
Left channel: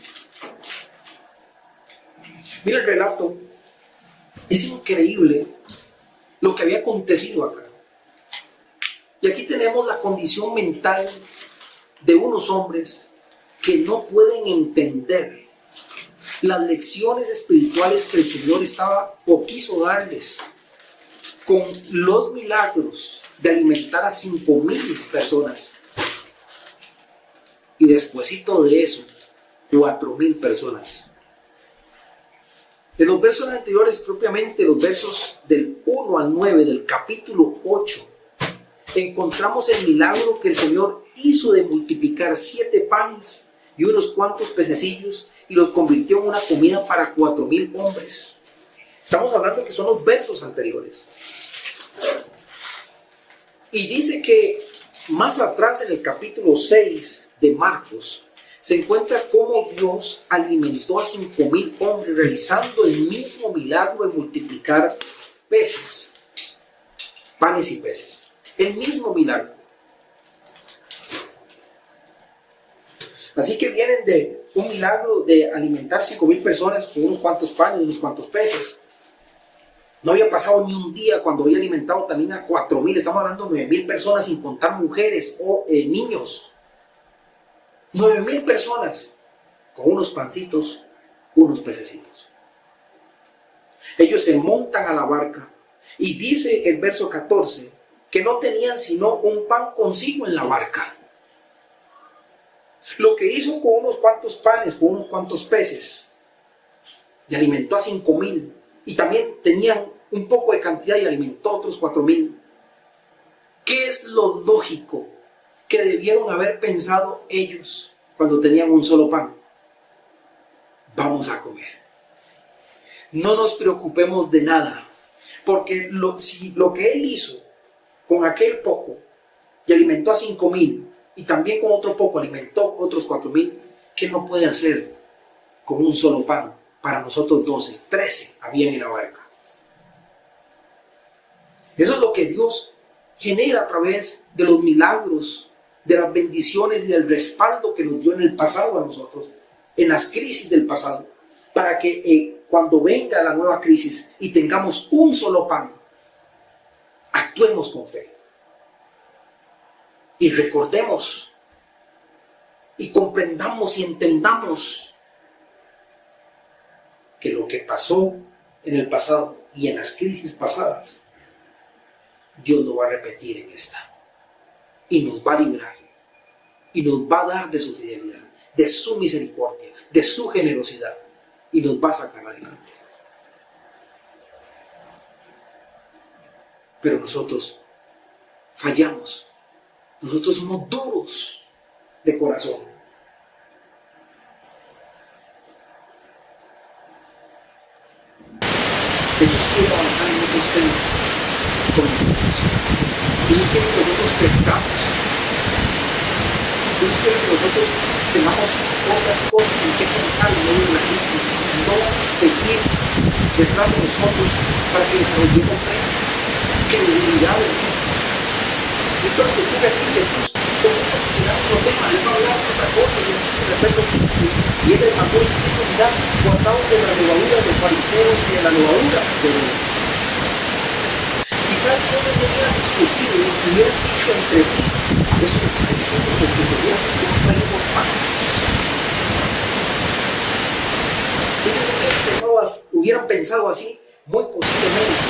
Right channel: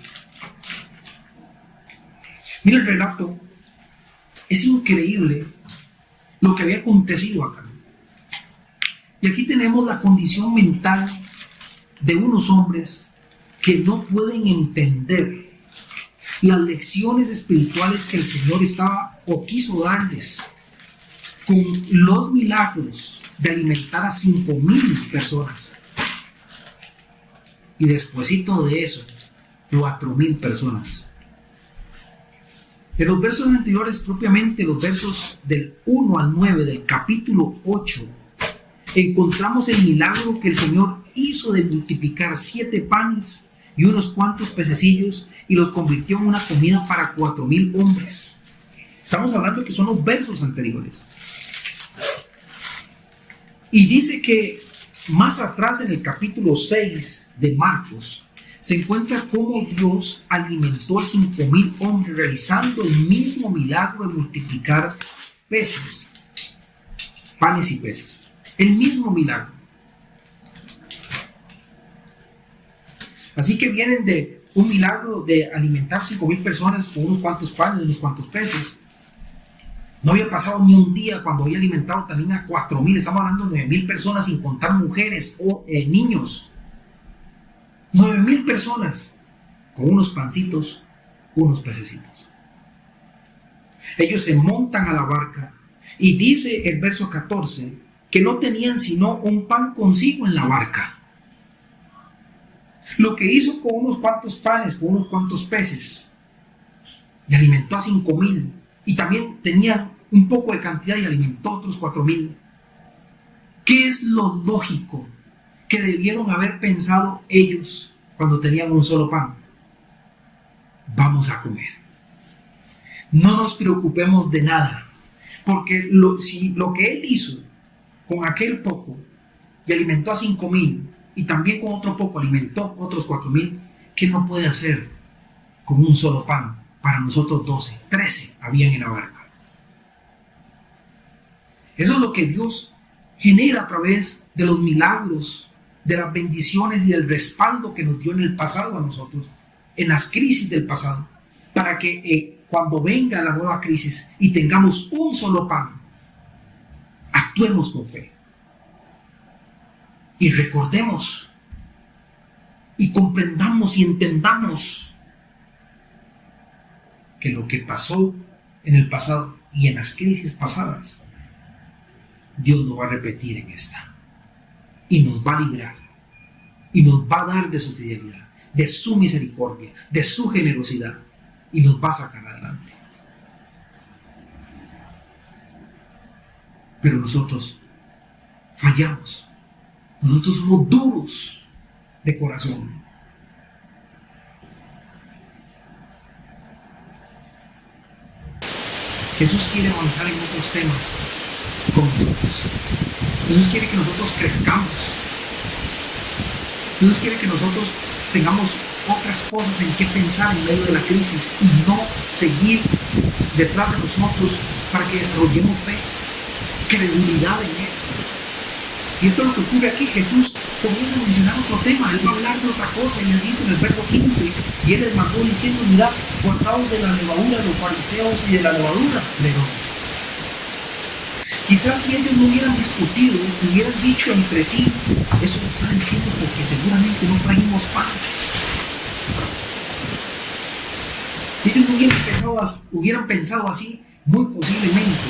Mira el relato. Es increíble lo que había acontecido acá. Y aquí tenemos la condición mental de unos hombres que no pueden entender las lecciones espirituales que el Señor estaba o quiso darles con los milagros de alimentar a 5,000 personas. Y despuesito de eso, 4,000 personas. En los versos anteriores, propiamente los versos del 1 al 9 del capítulo 8, encontramos el milagro que el Señor hizo de multiplicar 7 panes y unos cuantos pececillos y los convirtió en una comida para 4,000 hombres. Estamos hablando que son los versos anteriores. Y dice que más atrás en el capítulo 6 de Marcos se encuentra cómo Dios alimentó a 5,000 hombres realizando el mismo milagro de multiplicar peces, panes y peces. El mismo milagro. Así que vienen de un milagro de alimentar 5,000 personas con unos cuantos panes y unos cuantos peces. No había pasado ni un día cuando había alimentado también a 4,000. Estamos hablando de 9,000 personas sin contar mujeres o niños. 9,000 personas con unos pancitos, unos pececitos. Ellos se montan a la barca y dice el verso 14 que no tenían sino un pan consigo en la barca. Lo que hizo con unos cuantos panes, con unos cuantos peces, y alimentó a 5,000, y también tenían un poco de cantidad y alimentó a otros 4,000. ¿Qué es lo lógico que debieron haber pensado ellos cuando tenían un solo pan? Vamos a comer. No nos preocupemos de nada, porque lo que Él hizo con aquel poco y alimentó a 5,000 y también con otro poco alimentó otros 4,000, ¿qué no puede hacer con un solo pan para nosotros 12? 13 habían en la barca. Eso es lo que Dios genera a través de los milagros, de las bendiciones y del respaldo que nos dio en el pasado a nosotros, en las crisis del pasado, para que cuando venga la nueva crisis y tengamos un solo pan, actuemos con fe. Y recordemos y comprendamos y entendamos que lo que pasó en el pasado y en las crisis pasadas, Dios lo va a repetir en esta. Y nos va a librar. Y nos va a dar de su fidelidad, de su misericordia, de su generosidad. Y nos va a sacar adelante. Pero nosotros fallamos. Nosotros somos duros de corazón. Jesús quiere avanzar en otros temas con nosotros. Jesús quiere que nosotros crezcamos. Jesús quiere que nosotros tengamos otras cosas en que pensar en medio de la crisis y no seguir detrás de nosotros para que desarrollemos fe, credibilidad en Él. Y esto es lo que ocurre aquí. Jesús comienza a mencionar otro tema. Él va a hablar de otra cosa y él dice en el verso 15: y él les mandó diciendo, mirad, guardaos de la levadura de los fariseos y de la levadura de Herodes. Quizás si ellos no hubieran discutido, hubieran dicho entre sí, eso lo están diciendo porque seguramente no trajimos pan. Si ellos no hubieran pensado así, muy posiblemente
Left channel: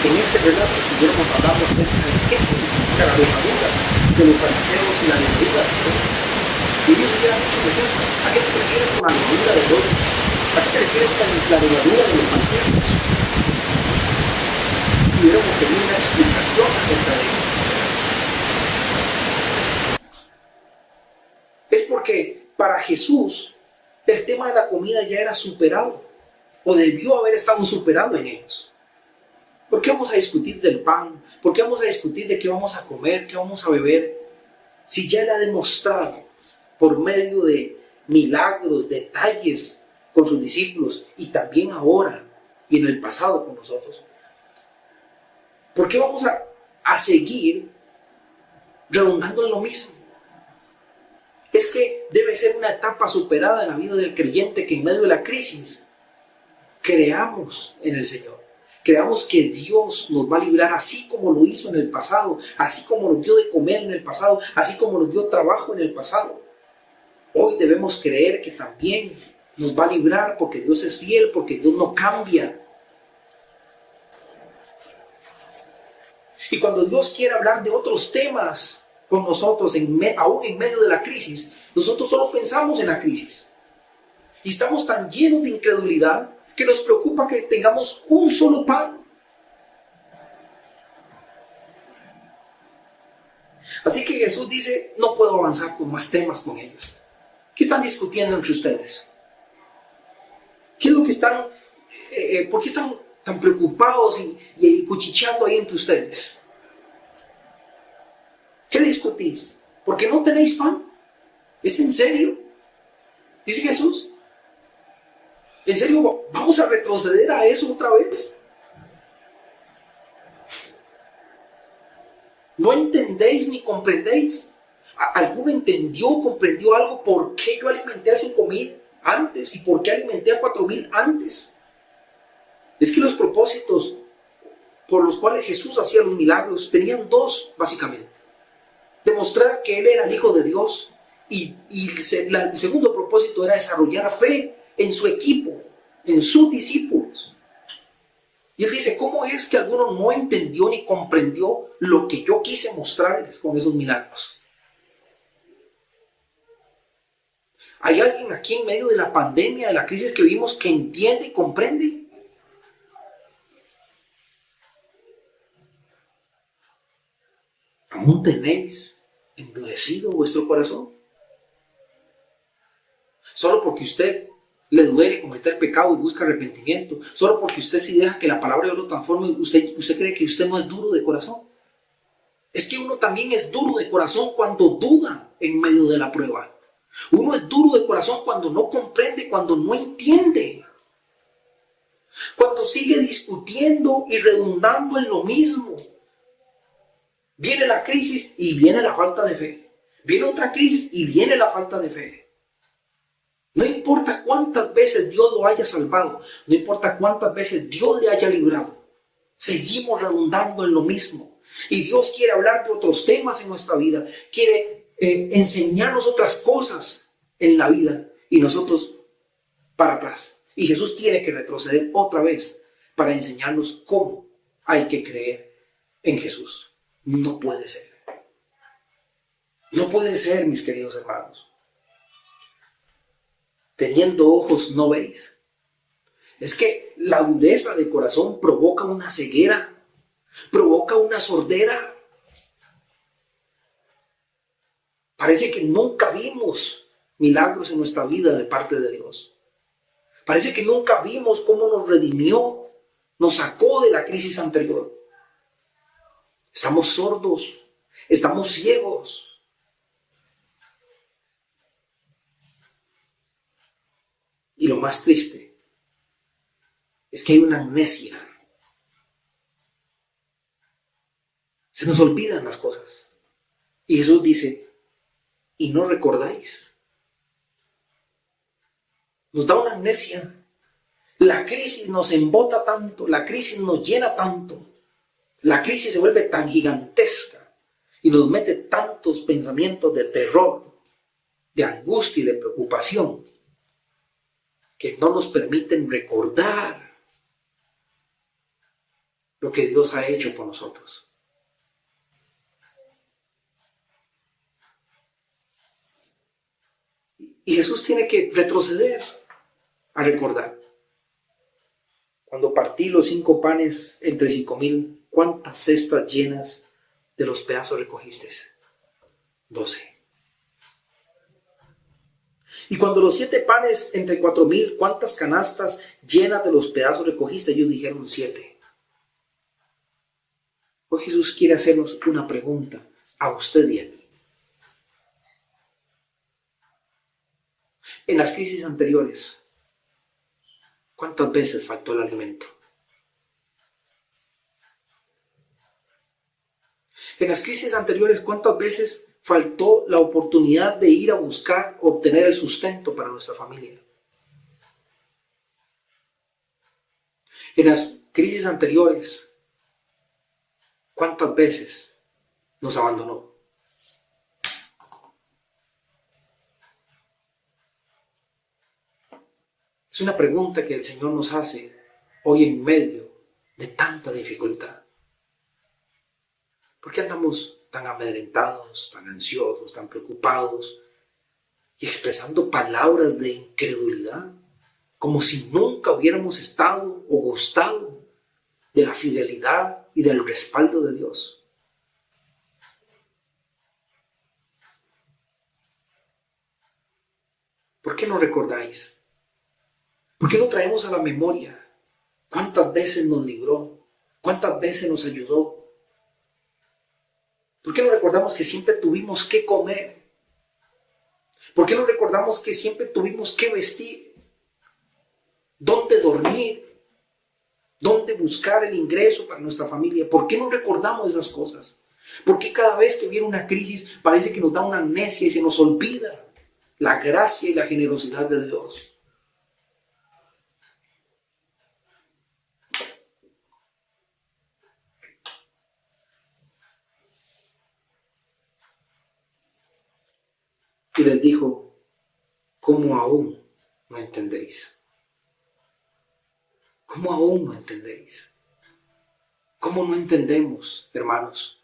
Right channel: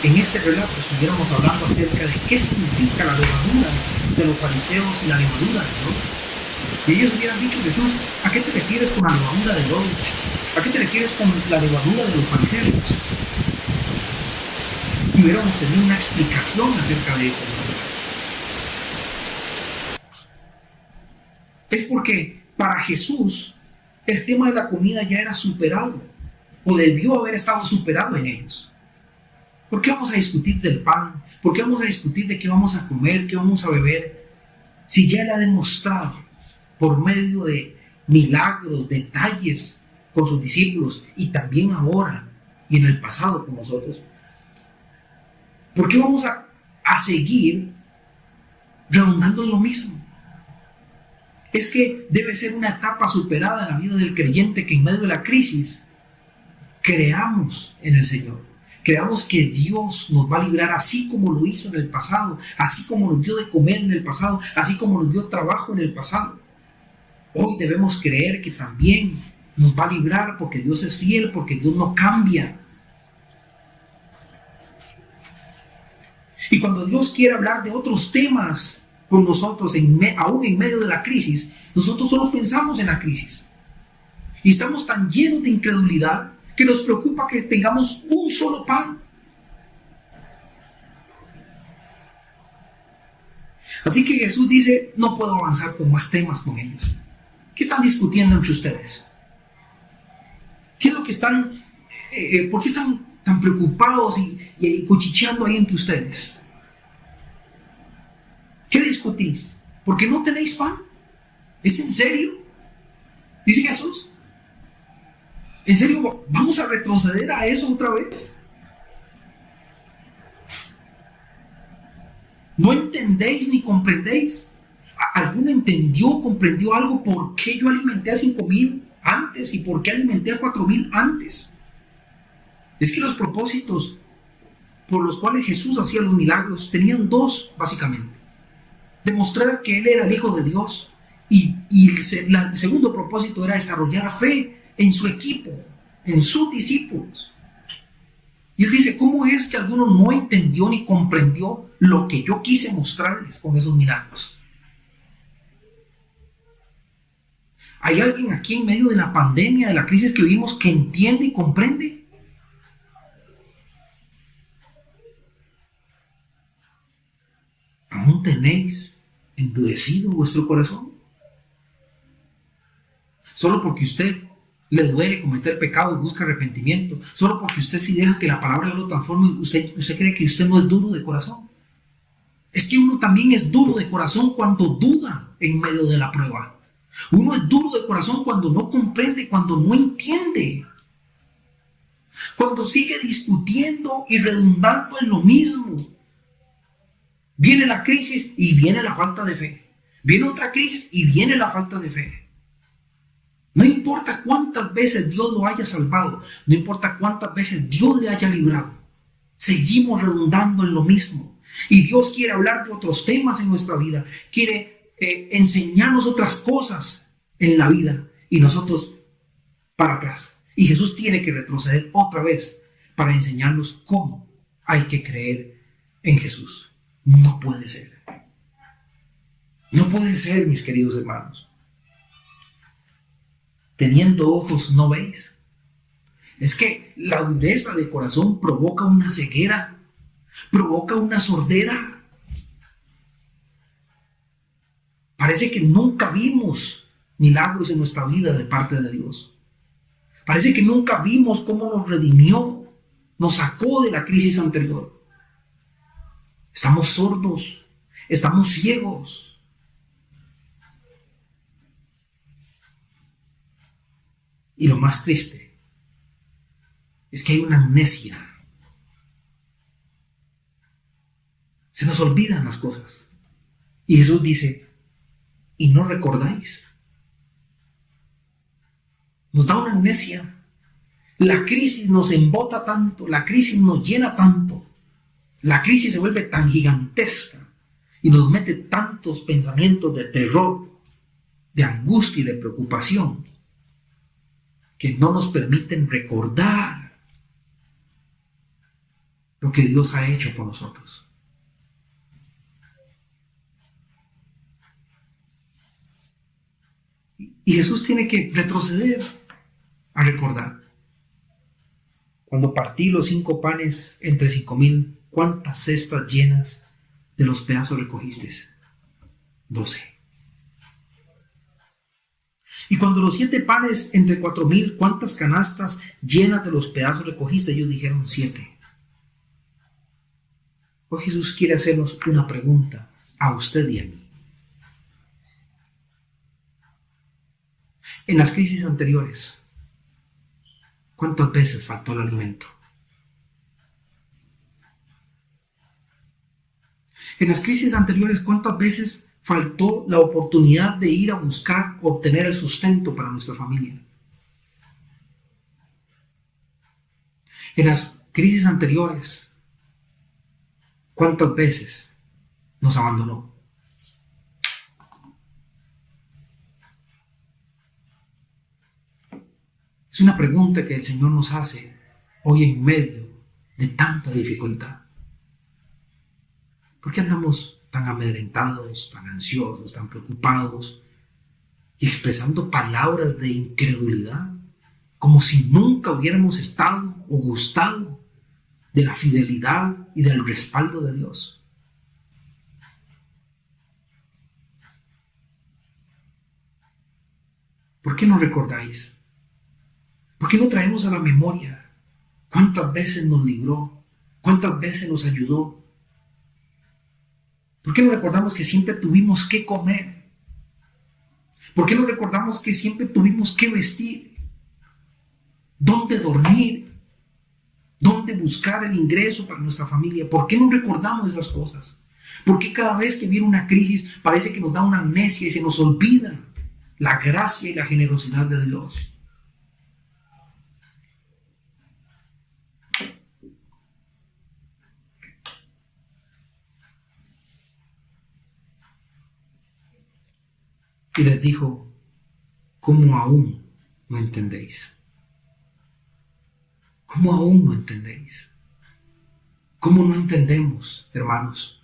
en este relato estuviéramos hablando acerca de qué significa la levadura de los fariseos y la levadura de Herodes. Y ellos hubieran dicho, Jesús, ¿a qué te refieres con la levadura de Herodes? ¿A qué te refieres con la levadura de los fariseos? Y hubiéramos tenido una explicación acerca de eso. Es porque para Jesús el tema de la comida ya era superado, o debió haber estado superado en ellos. ¿Por qué vamos a discutir del pan? ¿Por qué vamos a discutir de qué vamos a comer, qué vamos a beber? Si ya Él ha demostrado por medio de milagros, detalles con sus discípulos y también ahora y en el pasado con nosotros, ¿por qué vamos a seguir redundando en lo mismo? Es que debe ser una etapa superada en la vida del creyente que en medio de la crisis creamos en el Señor. Creamos que Dios nos va a librar así como lo hizo en el pasado, así como nos dio de comer en el pasado, así como nos dio trabajo en el pasado. Hoy debemos creer que también nos va a librar porque Dios es fiel, porque Dios no cambia. Y cuando Dios quiere hablar de otros temas con nosotros, aún en medio de la crisis, nosotros solo pensamos en la crisis. Y estamos tan llenos de incredulidad que nos preocupa que tengamos un solo pan. Así que Jesús dice, no puedo avanzar con más temas con ellos. ¿Qué están discutiendo entre ustedes? ¿Qué es lo que están, por qué están tan preocupados y cuchicheando ahí entre ustedes? ¿Qué discutís? ¿Por qué no tenéis pan? ¿Es en serio? Dice Jesús. ¿En serio vamos a retroceder a eso otra vez? ¿No entendéis ni comprendéis? ¿Alguno entendió, comprendió algo? ¿Por qué yo alimenté a 5,000 antes? ¿Y por qué alimenté a 4,000 antes? Es que los propósitos por los cuales Jesús hacía los milagros tenían dos, básicamente. Demostrar que Él era el Hijo de Dios. Y el segundo propósito era desarrollar fe en su equipo, en sus discípulos. Y Él dice, ¿cómo es que alguno no entendió ni comprendió lo que yo quise mostrarles con esos milagros? ¿Hay alguien aquí en medio de la pandemia, de la crisis que vivimos, que entiende y comprende? ¿Aún tenéis endurecido vuestro corazón? Solo porque usted le duele cometer pecado y busca arrepentimiento, solo porque usted sí deja que la palabra de Dios lo transforme, usted cree que usted no es duro de corazón. Es que uno también es duro de corazón cuando duda en medio de la prueba. Uno es duro de corazón cuando no comprende, cuando no entiende, cuando sigue discutiendo y redundando en lo mismo. Viene la crisis y viene la falta de fe. Viene otra crisis y viene la falta de fe. No importa cuántas veces Dios lo haya salvado, no importa cuántas veces Dios le haya librado, seguimos redundando en lo mismo. Y Dios quiere hablar de otros temas en nuestra vida, quiere enseñarnos otras cosas en la vida y nosotros para atrás. Y Jesús tiene que retroceder otra vez para enseñarnos cómo hay que creer en Jesús. No puede ser. No puede ser, mis queridos hermanos. Teniendo ojos no veis. Es que la dureza de corazón provoca una ceguera, provoca una sordera. Parece que nunca vimos milagros en nuestra vida de parte de Dios. Parece que nunca vimos cómo nos redimió, nos sacó de la crisis anterior. Estamos sordos, estamos ciegos. Y lo más triste es que hay una amnesia. Se nos olvidan las cosas. Y Jesús dice, ¿y no recordáis? Nos da una amnesia. La crisis nos embota tanto, la crisis nos llena tanto. La crisis se vuelve tan gigantesca y nos mete tantos pensamientos de terror, de angustia y de preocupación que no nos permiten recordar lo que Dios ha hecho por nosotros. Y Jesús tiene que retroceder a recordar. Cuando partí los 5 panes entre 5,000, ¿cuántas cestas llenas de los pedazos recogiste? 12. Y cuando los 7 panes entre 4,000, ¿cuántas canastas llenas de los pedazos recogiste? Ellos dijeron 7. Hoy Jesús quiere hacernos una pregunta a usted y a mí. En las crisis anteriores, ¿cuántas veces faltó el alimento? En las crisis anteriores, ¿cuántas veces faltó la oportunidad de ir a buscar, obtener el sustento para nuestra familia? En las crisis anteriores, ¿cuántas veces nos abandonó? Es una pregunta que el Señor nos hace hoy en medio de tanta dificultad. ¿Por qué andamos tan amedrentados, tan ansiosos, tan preocupados y expresando palabras de incredulidad, como si nunca hubiéramos estado o gustado de la fidelidad y del respaldo de Dios? ¿Por qué no recordáis? ¿Por qué no traemos a la memoria cuántas veces nos libró, cuántas veces nos ayudó? ¿Por qué no recordamos que siempre tuvimos que comer? ¿Por qué no recordamos que siempre tuvimos que vestir? ¿Dónde dormir? ¿Dónde buscar el ingreso para nuestra familia? ¿Por qué no recordamos esas cosas? ¿Por qué cada vez que viene una crisis parece que nos da una amnesia y se nos olvida la gracia y la generosidad de Dios? Y les dijo: ¿cómo aún no entendéis? ¿Cómo aún no entendéis? ¿Cómo no entendemos, hermanos,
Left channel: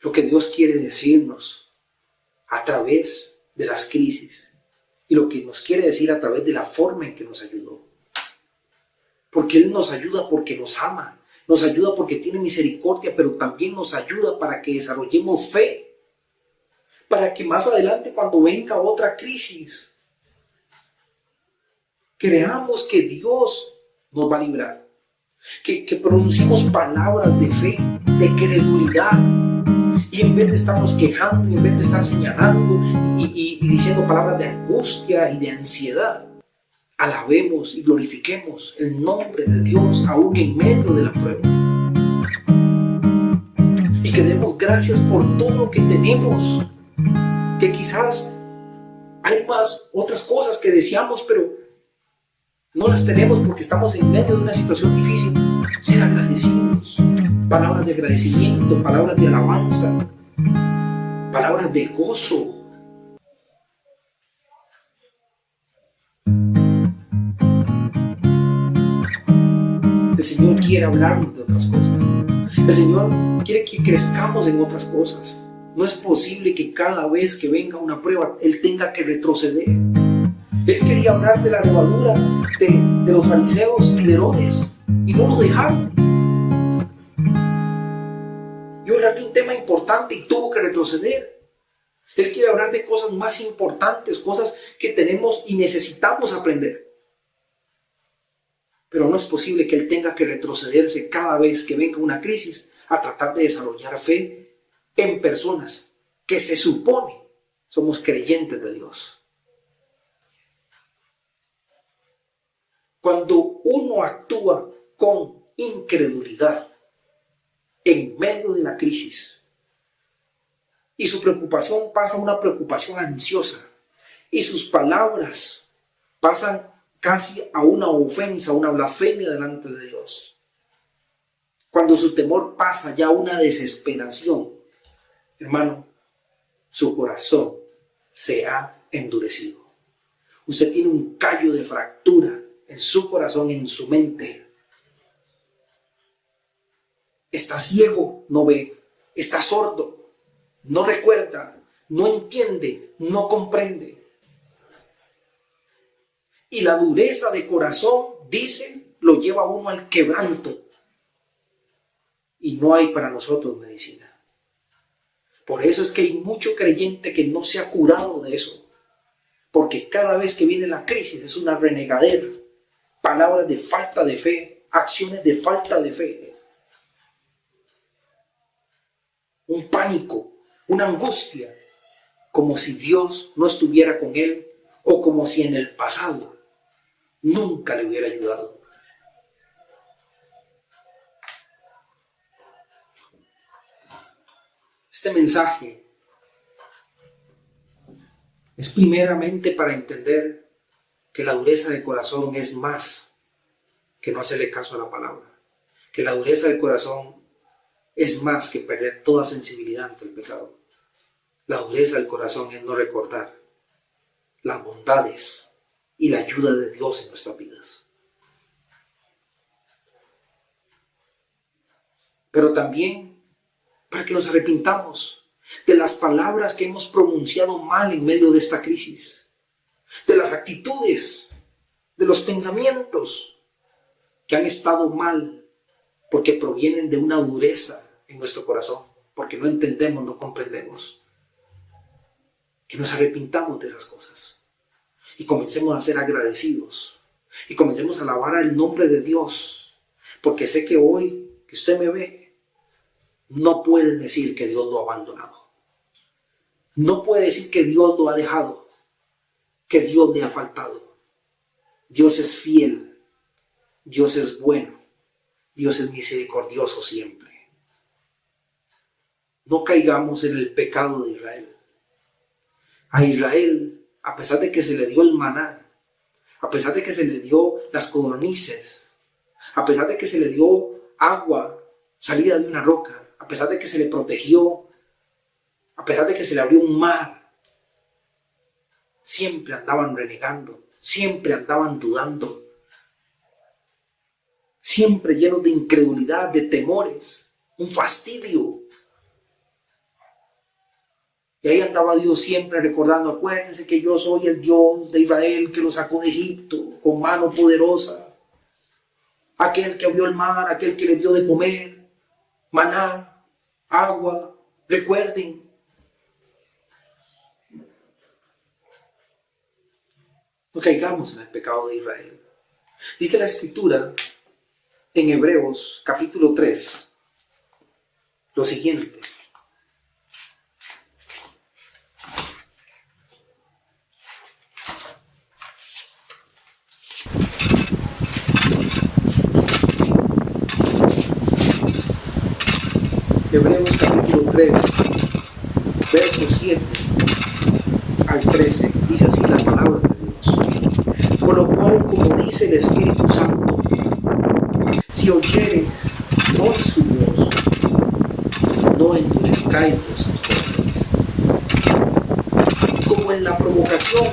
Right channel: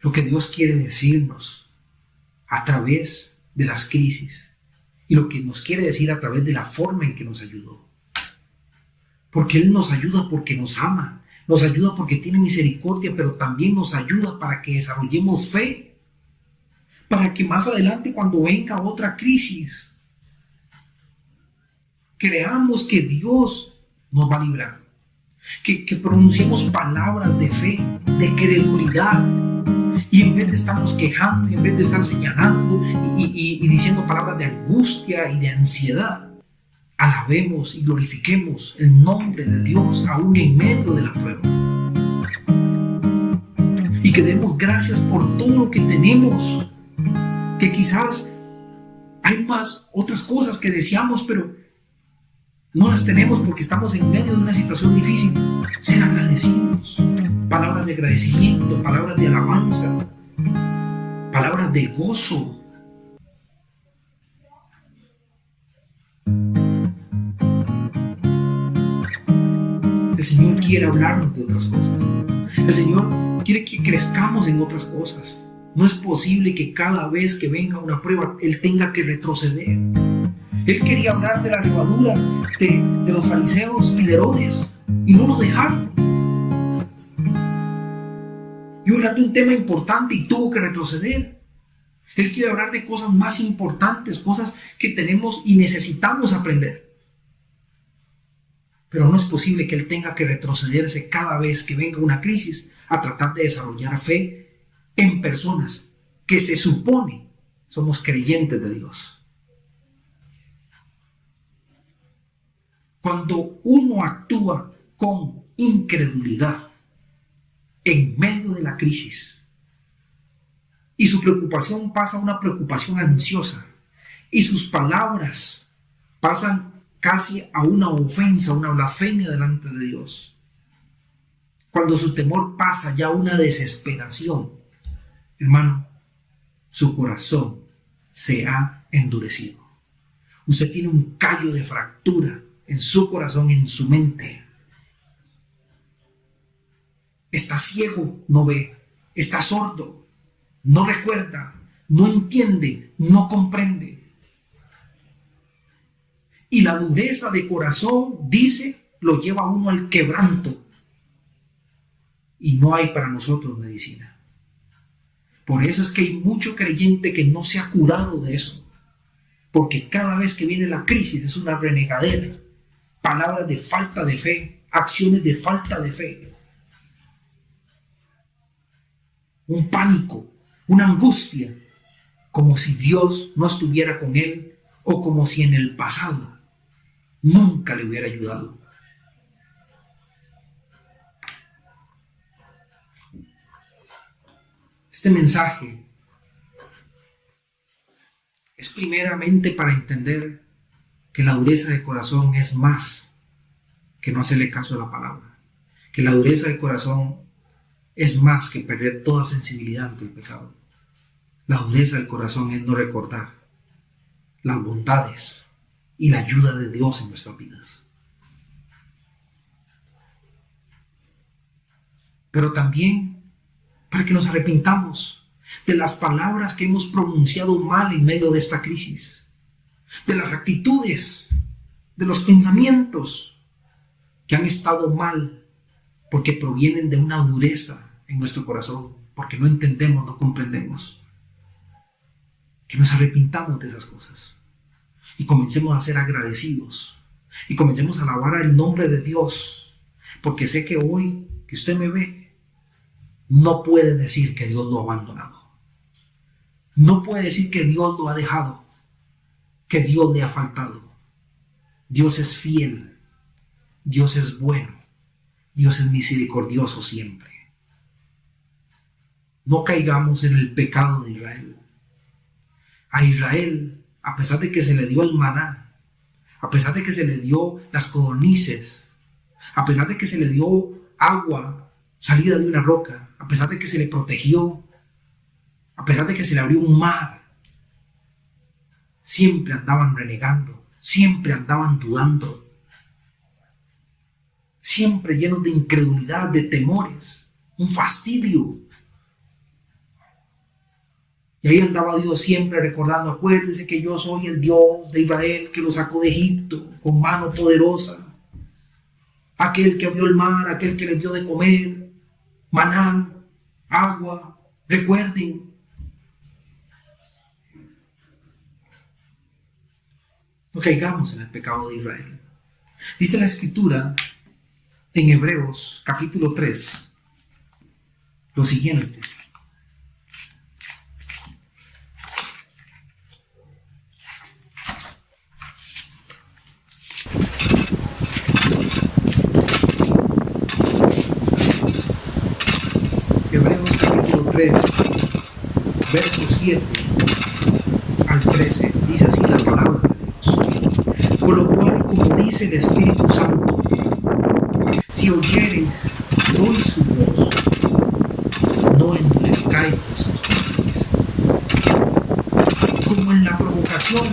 lo que Dios quiere decirnos a través de las crisis y lo que nos quiere decir a través de la forma en que nos ayudó? Porque Él nos ayuda porque nos ama, nos ayuda porque tiene misericordia, pero también nos ayuda para que desarrollemos fe, para que más adelante, cuando venga otra crisis, creamos que Dios nos va a librar, que pronunciemos palabras de fe, de credulidad, y en vez de estarnos quejando y en vez de estar señalando y diciendo palabras de angustia y de ansiedad, alabemos y glorifiquemos el nombre de Dios aún en medio de la prueba, y que demos gracias por todo lo que tenemos, que quizás hay más otras cosas que deseamos, pero no las tenemos porque estamos en medio de una situación difícil. Ser agradecidos, palabras de agradecimiento, palabras de alabanza, palabras de gozo. El Señor quiere hablarnos de otras cosas. El Señor quiere que crezcamos en otras cosas. No es posible que cada vez que venga una prueba Él tenga que retroceder. Él quería hablar de la levadura de los fariseos y de Herodes, y no lo dejaron. Iba a hablar de un tema importante y tuvo que retroceder. Él quiere hablar de cosas más importantes, cosas que tenemos y necesitamos aprender. Pero no es posible que Él tenga que retrocederse cada vez que venga una crisis a tratar de desarrollar fe en personas que se supone somos creyentes de Dios. Cuando uno actúa con incredulidad en medio de la crisis y su preocupación pasa a una preocupación ansiosa y sus palabras pasan casi a una ofensa, a una blasfemia delante de Dios, cuando su temor pasa ya a una desesperación, hermano, su corazón se ha endurecido. Usted tiene un callo de fractura en su corazón, en su mente. Está ciego, no ve. Está sordo, no recuerda, no entiende, no comprende. Y la dureza de corazón, dice, lo lleva a uno al quebranto. Y no hay para nosotros medicina. Por eso es que hay mucho creyente que no se ha curado de eso. Porque cada vez que viene la crisis es una renegadera. Palabras de falta de fe, acciones de falta de fe. Un pánico, una angustia, como si Dios no estuviera con él o como si en el pasado nunca le hubiera ayudado. Este mensaje es primeramente para entender que la dureza de corazón es más que no hacerle caso a la palabra. Que la dureza del corazón es más que perder toda sensibilidad ante el pecado. La dureza del corazón es no recordar las bondades y la ayuda de Dios en nuestras vidas. Pero también para que nos arrepintamos de las palabras que hemos pronunciado mal en medio de esta crisis, de las actitudes, de los pensamientos que han estado mal porque provienen de una dureza en nuestro corazón, porque no entendemos, no comprendemos. Que nos arrepintamos de esas cosas y comencemos a ser agradecidos y comencemos a alabar el nombre de Dios, porque sé que hoy que usted me ve, no puede decir que Dios lo ha abandonado. No puede decir que Dios lo ha dejado, que Dios le ha faltado. Dios es fiel, Dios es bueno, Dios es misericordioso siempre. No caigamos en el pecado de Israel. A Israel, a pesar de que se le dio el maná, a pesar de que se le dio las codornices, a pesar de que se le dio agua salida de una roca, a pesar de que se le protegió, a pesar de que se le abrió un mar, siempre andaban renegando, siempre andaban dudando, siempre llenos de incredulidad, de temores, un fastidio. Y ahí andaba Dios siempre recordando: acuérdense que yo soy el Dios de Israel que lo sacó de Egipto con mano poderosa, aquel que abrió el mar, aquel que les dio de comer, maná, agua. Recuerden. No caigamos en el pecado de Israel. Dice la Escritura en Hebreos capítulo 3 lo siguiente: Hebreos capítulo 3, versos 7 al 13, dice así la palabra de Dios: por lo cual, como dice el Espíritu Santo, si oyereis hoy su voz, no endurezcáis vuestros corazones, como en la provocación,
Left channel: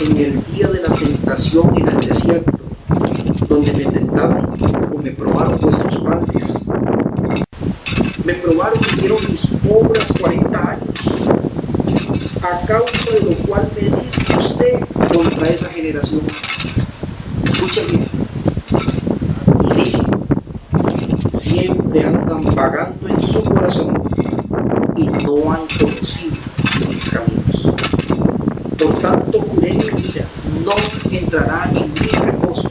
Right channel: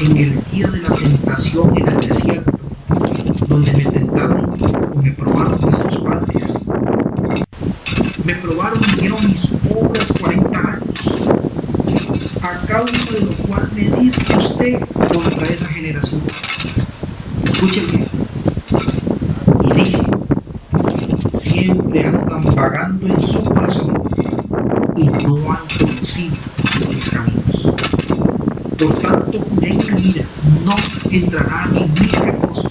en el día de la tentación en el desierto, donde me tentaron o me probaron vuestros padres. Me probaron y vieron mis obras 40 años, a causa de lo cual me disgusté contra esa generación. Escuchen bien. Y dije: siempre andan vagando en su corazón y no han conocido mis caminos. Por tanto, juré en mi ira: no entrarán en mi reposo.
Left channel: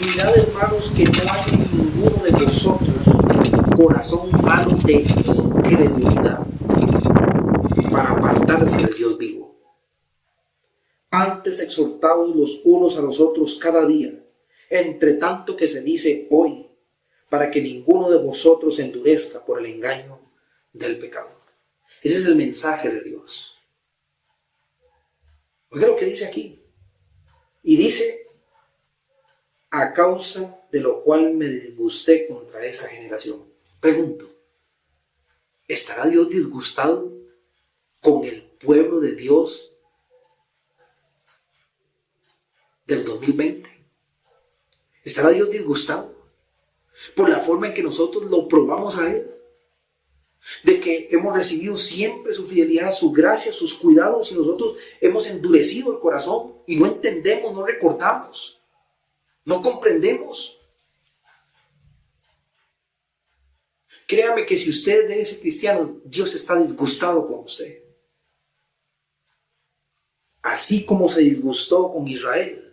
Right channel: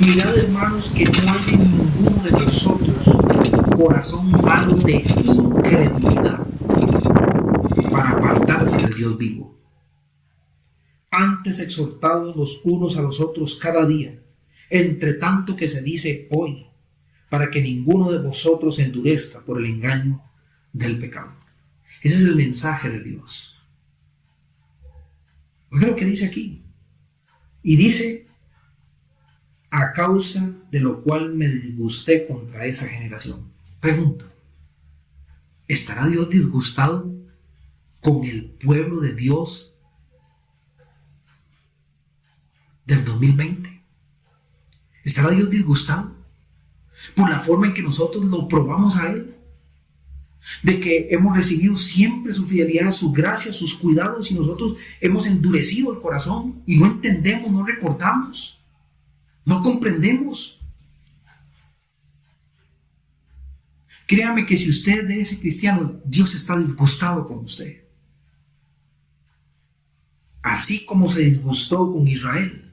Mirad, hermanos, que no hay en ninguno de vosotros corazón malo de incredulidad para apartarse del Dios vivo. Antes exhortados los unos a los otros cada día, entre tanto que se dice hoy, para que ninguno de vosotros se endurezca por el engaño del pecado. Ese es el mensaje de Dios. Oiga lo que dice aquí. Y dice: a causa de lo cual me disgusté contra esa generación. Pregunto: ¿estará Dios disgustado con el pueblo de Dios del 2020? ¿Estará Dios disgustado por la forma en que nosotros lo probamos a Él? De que hemos recibido siempre su fidelidad, su gracia, sus cuidados, y nosotros hemos endurecido el corazón y no entendemos, no recordamos, no comprendemos. Créame que si usted es de ese cristiano, Dios está disgustado con usted. Así como se disgustó con Israel,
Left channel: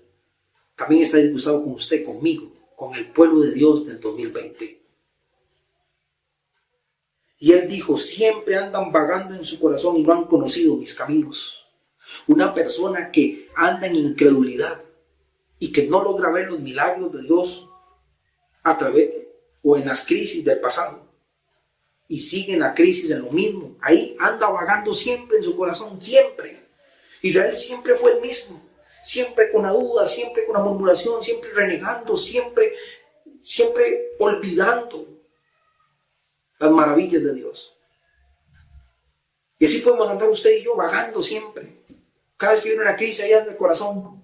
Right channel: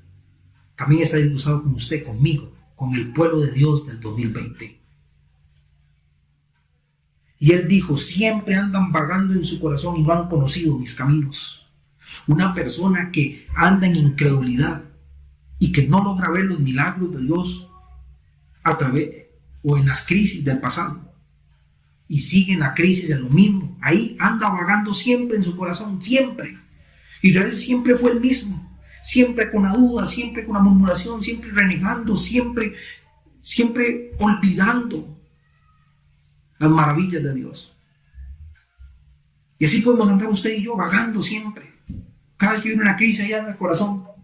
también está disgustado con usted, conmigo, con el pueblo de Dios del 2020. Y Él dijo: siempre andan vagando en su corazón y no han conocido mis caminos. Una persona que anda en incredulidad y que no logra ver los milagros de Dios a través o en las crisis del pasado, y sigue en la crisis, en lo mismo. Ahí anda vagando siempre en su corazón, siempre. Israel siempre fue el mismo, siempre con la duda, siempre con la murmuración, siempre renegando, siempre olvidando las maravillas de Dios. Y así podemos andar usted y yo vagando siempre. Cada vez que viene una crisis allá en el corazón.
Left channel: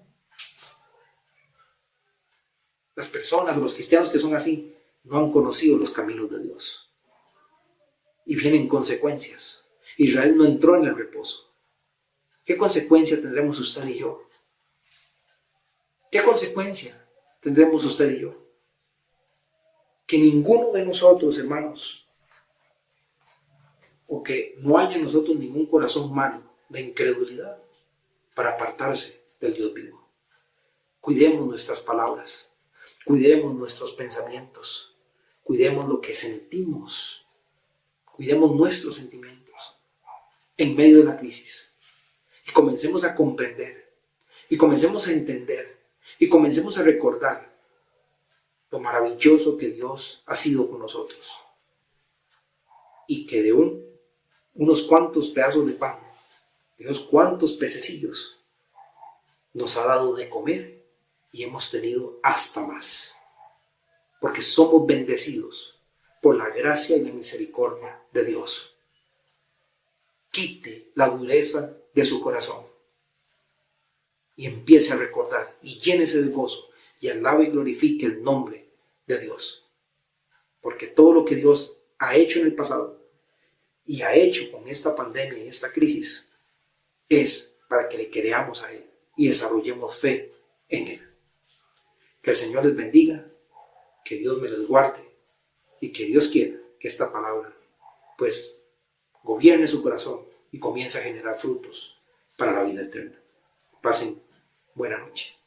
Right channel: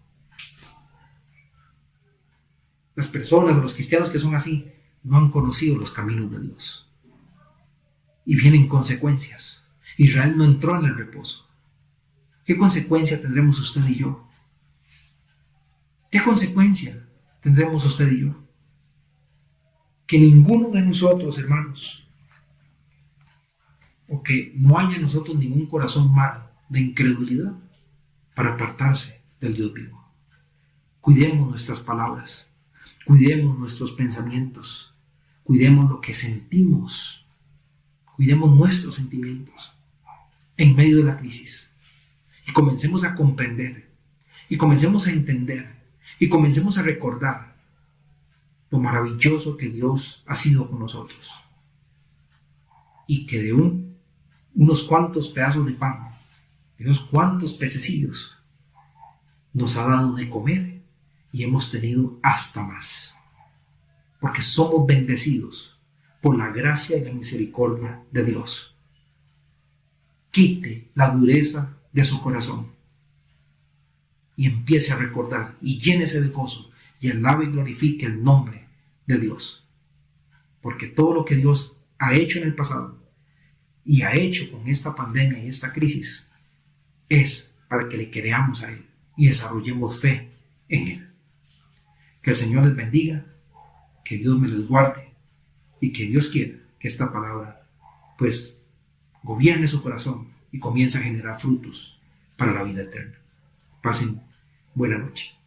Las personas o los cristianos que son así no han conocido los caminos de Dios. Y vienen consecuencias. Israel no entró en el reposo. ¿Qué consecuencia tendremos usted y yo? ¿Qué consecuencia tendremos usted y yo? Que ninguno de nosotros, hermanos, o que no haya en nosotros ningún corazón malo de incredulidad para apartarse del Dios vivo. Cuidemos nuestras palabras, cuidemos nuestros pensamientos, cuidemos lo que sentimos, cuidemos nuestros sentimientos en medio de la crisis. Y comencemos a comprender, y comencemos a entender, y comencemos a recordar lo maravilloso que Dios ha sido con nosotros. Y que de unos cuantos pedazos de pan, de unos cuantos pececillos, nos ha dado de comer y hemos tenido hasta más. Porque somos bendecidos por la gracia y la misericordia de Dios. Quite la dureza de su corazón y empiece a recordar y llénese de gozo y alabe y glorifique el nombre de Dios. Porque todo lo que Dios ha hecho en el pasado y ha hecho con esta pandemia y esta crisis es para que le creamos a Él y desarrollemos fe en Él. Que el Señor les bendiga, que Dios me les guarde y que Dios quiera que esta palabra pues gobierne su corazón y comience a generar frutos para la vida eterna. Pasen buena noche.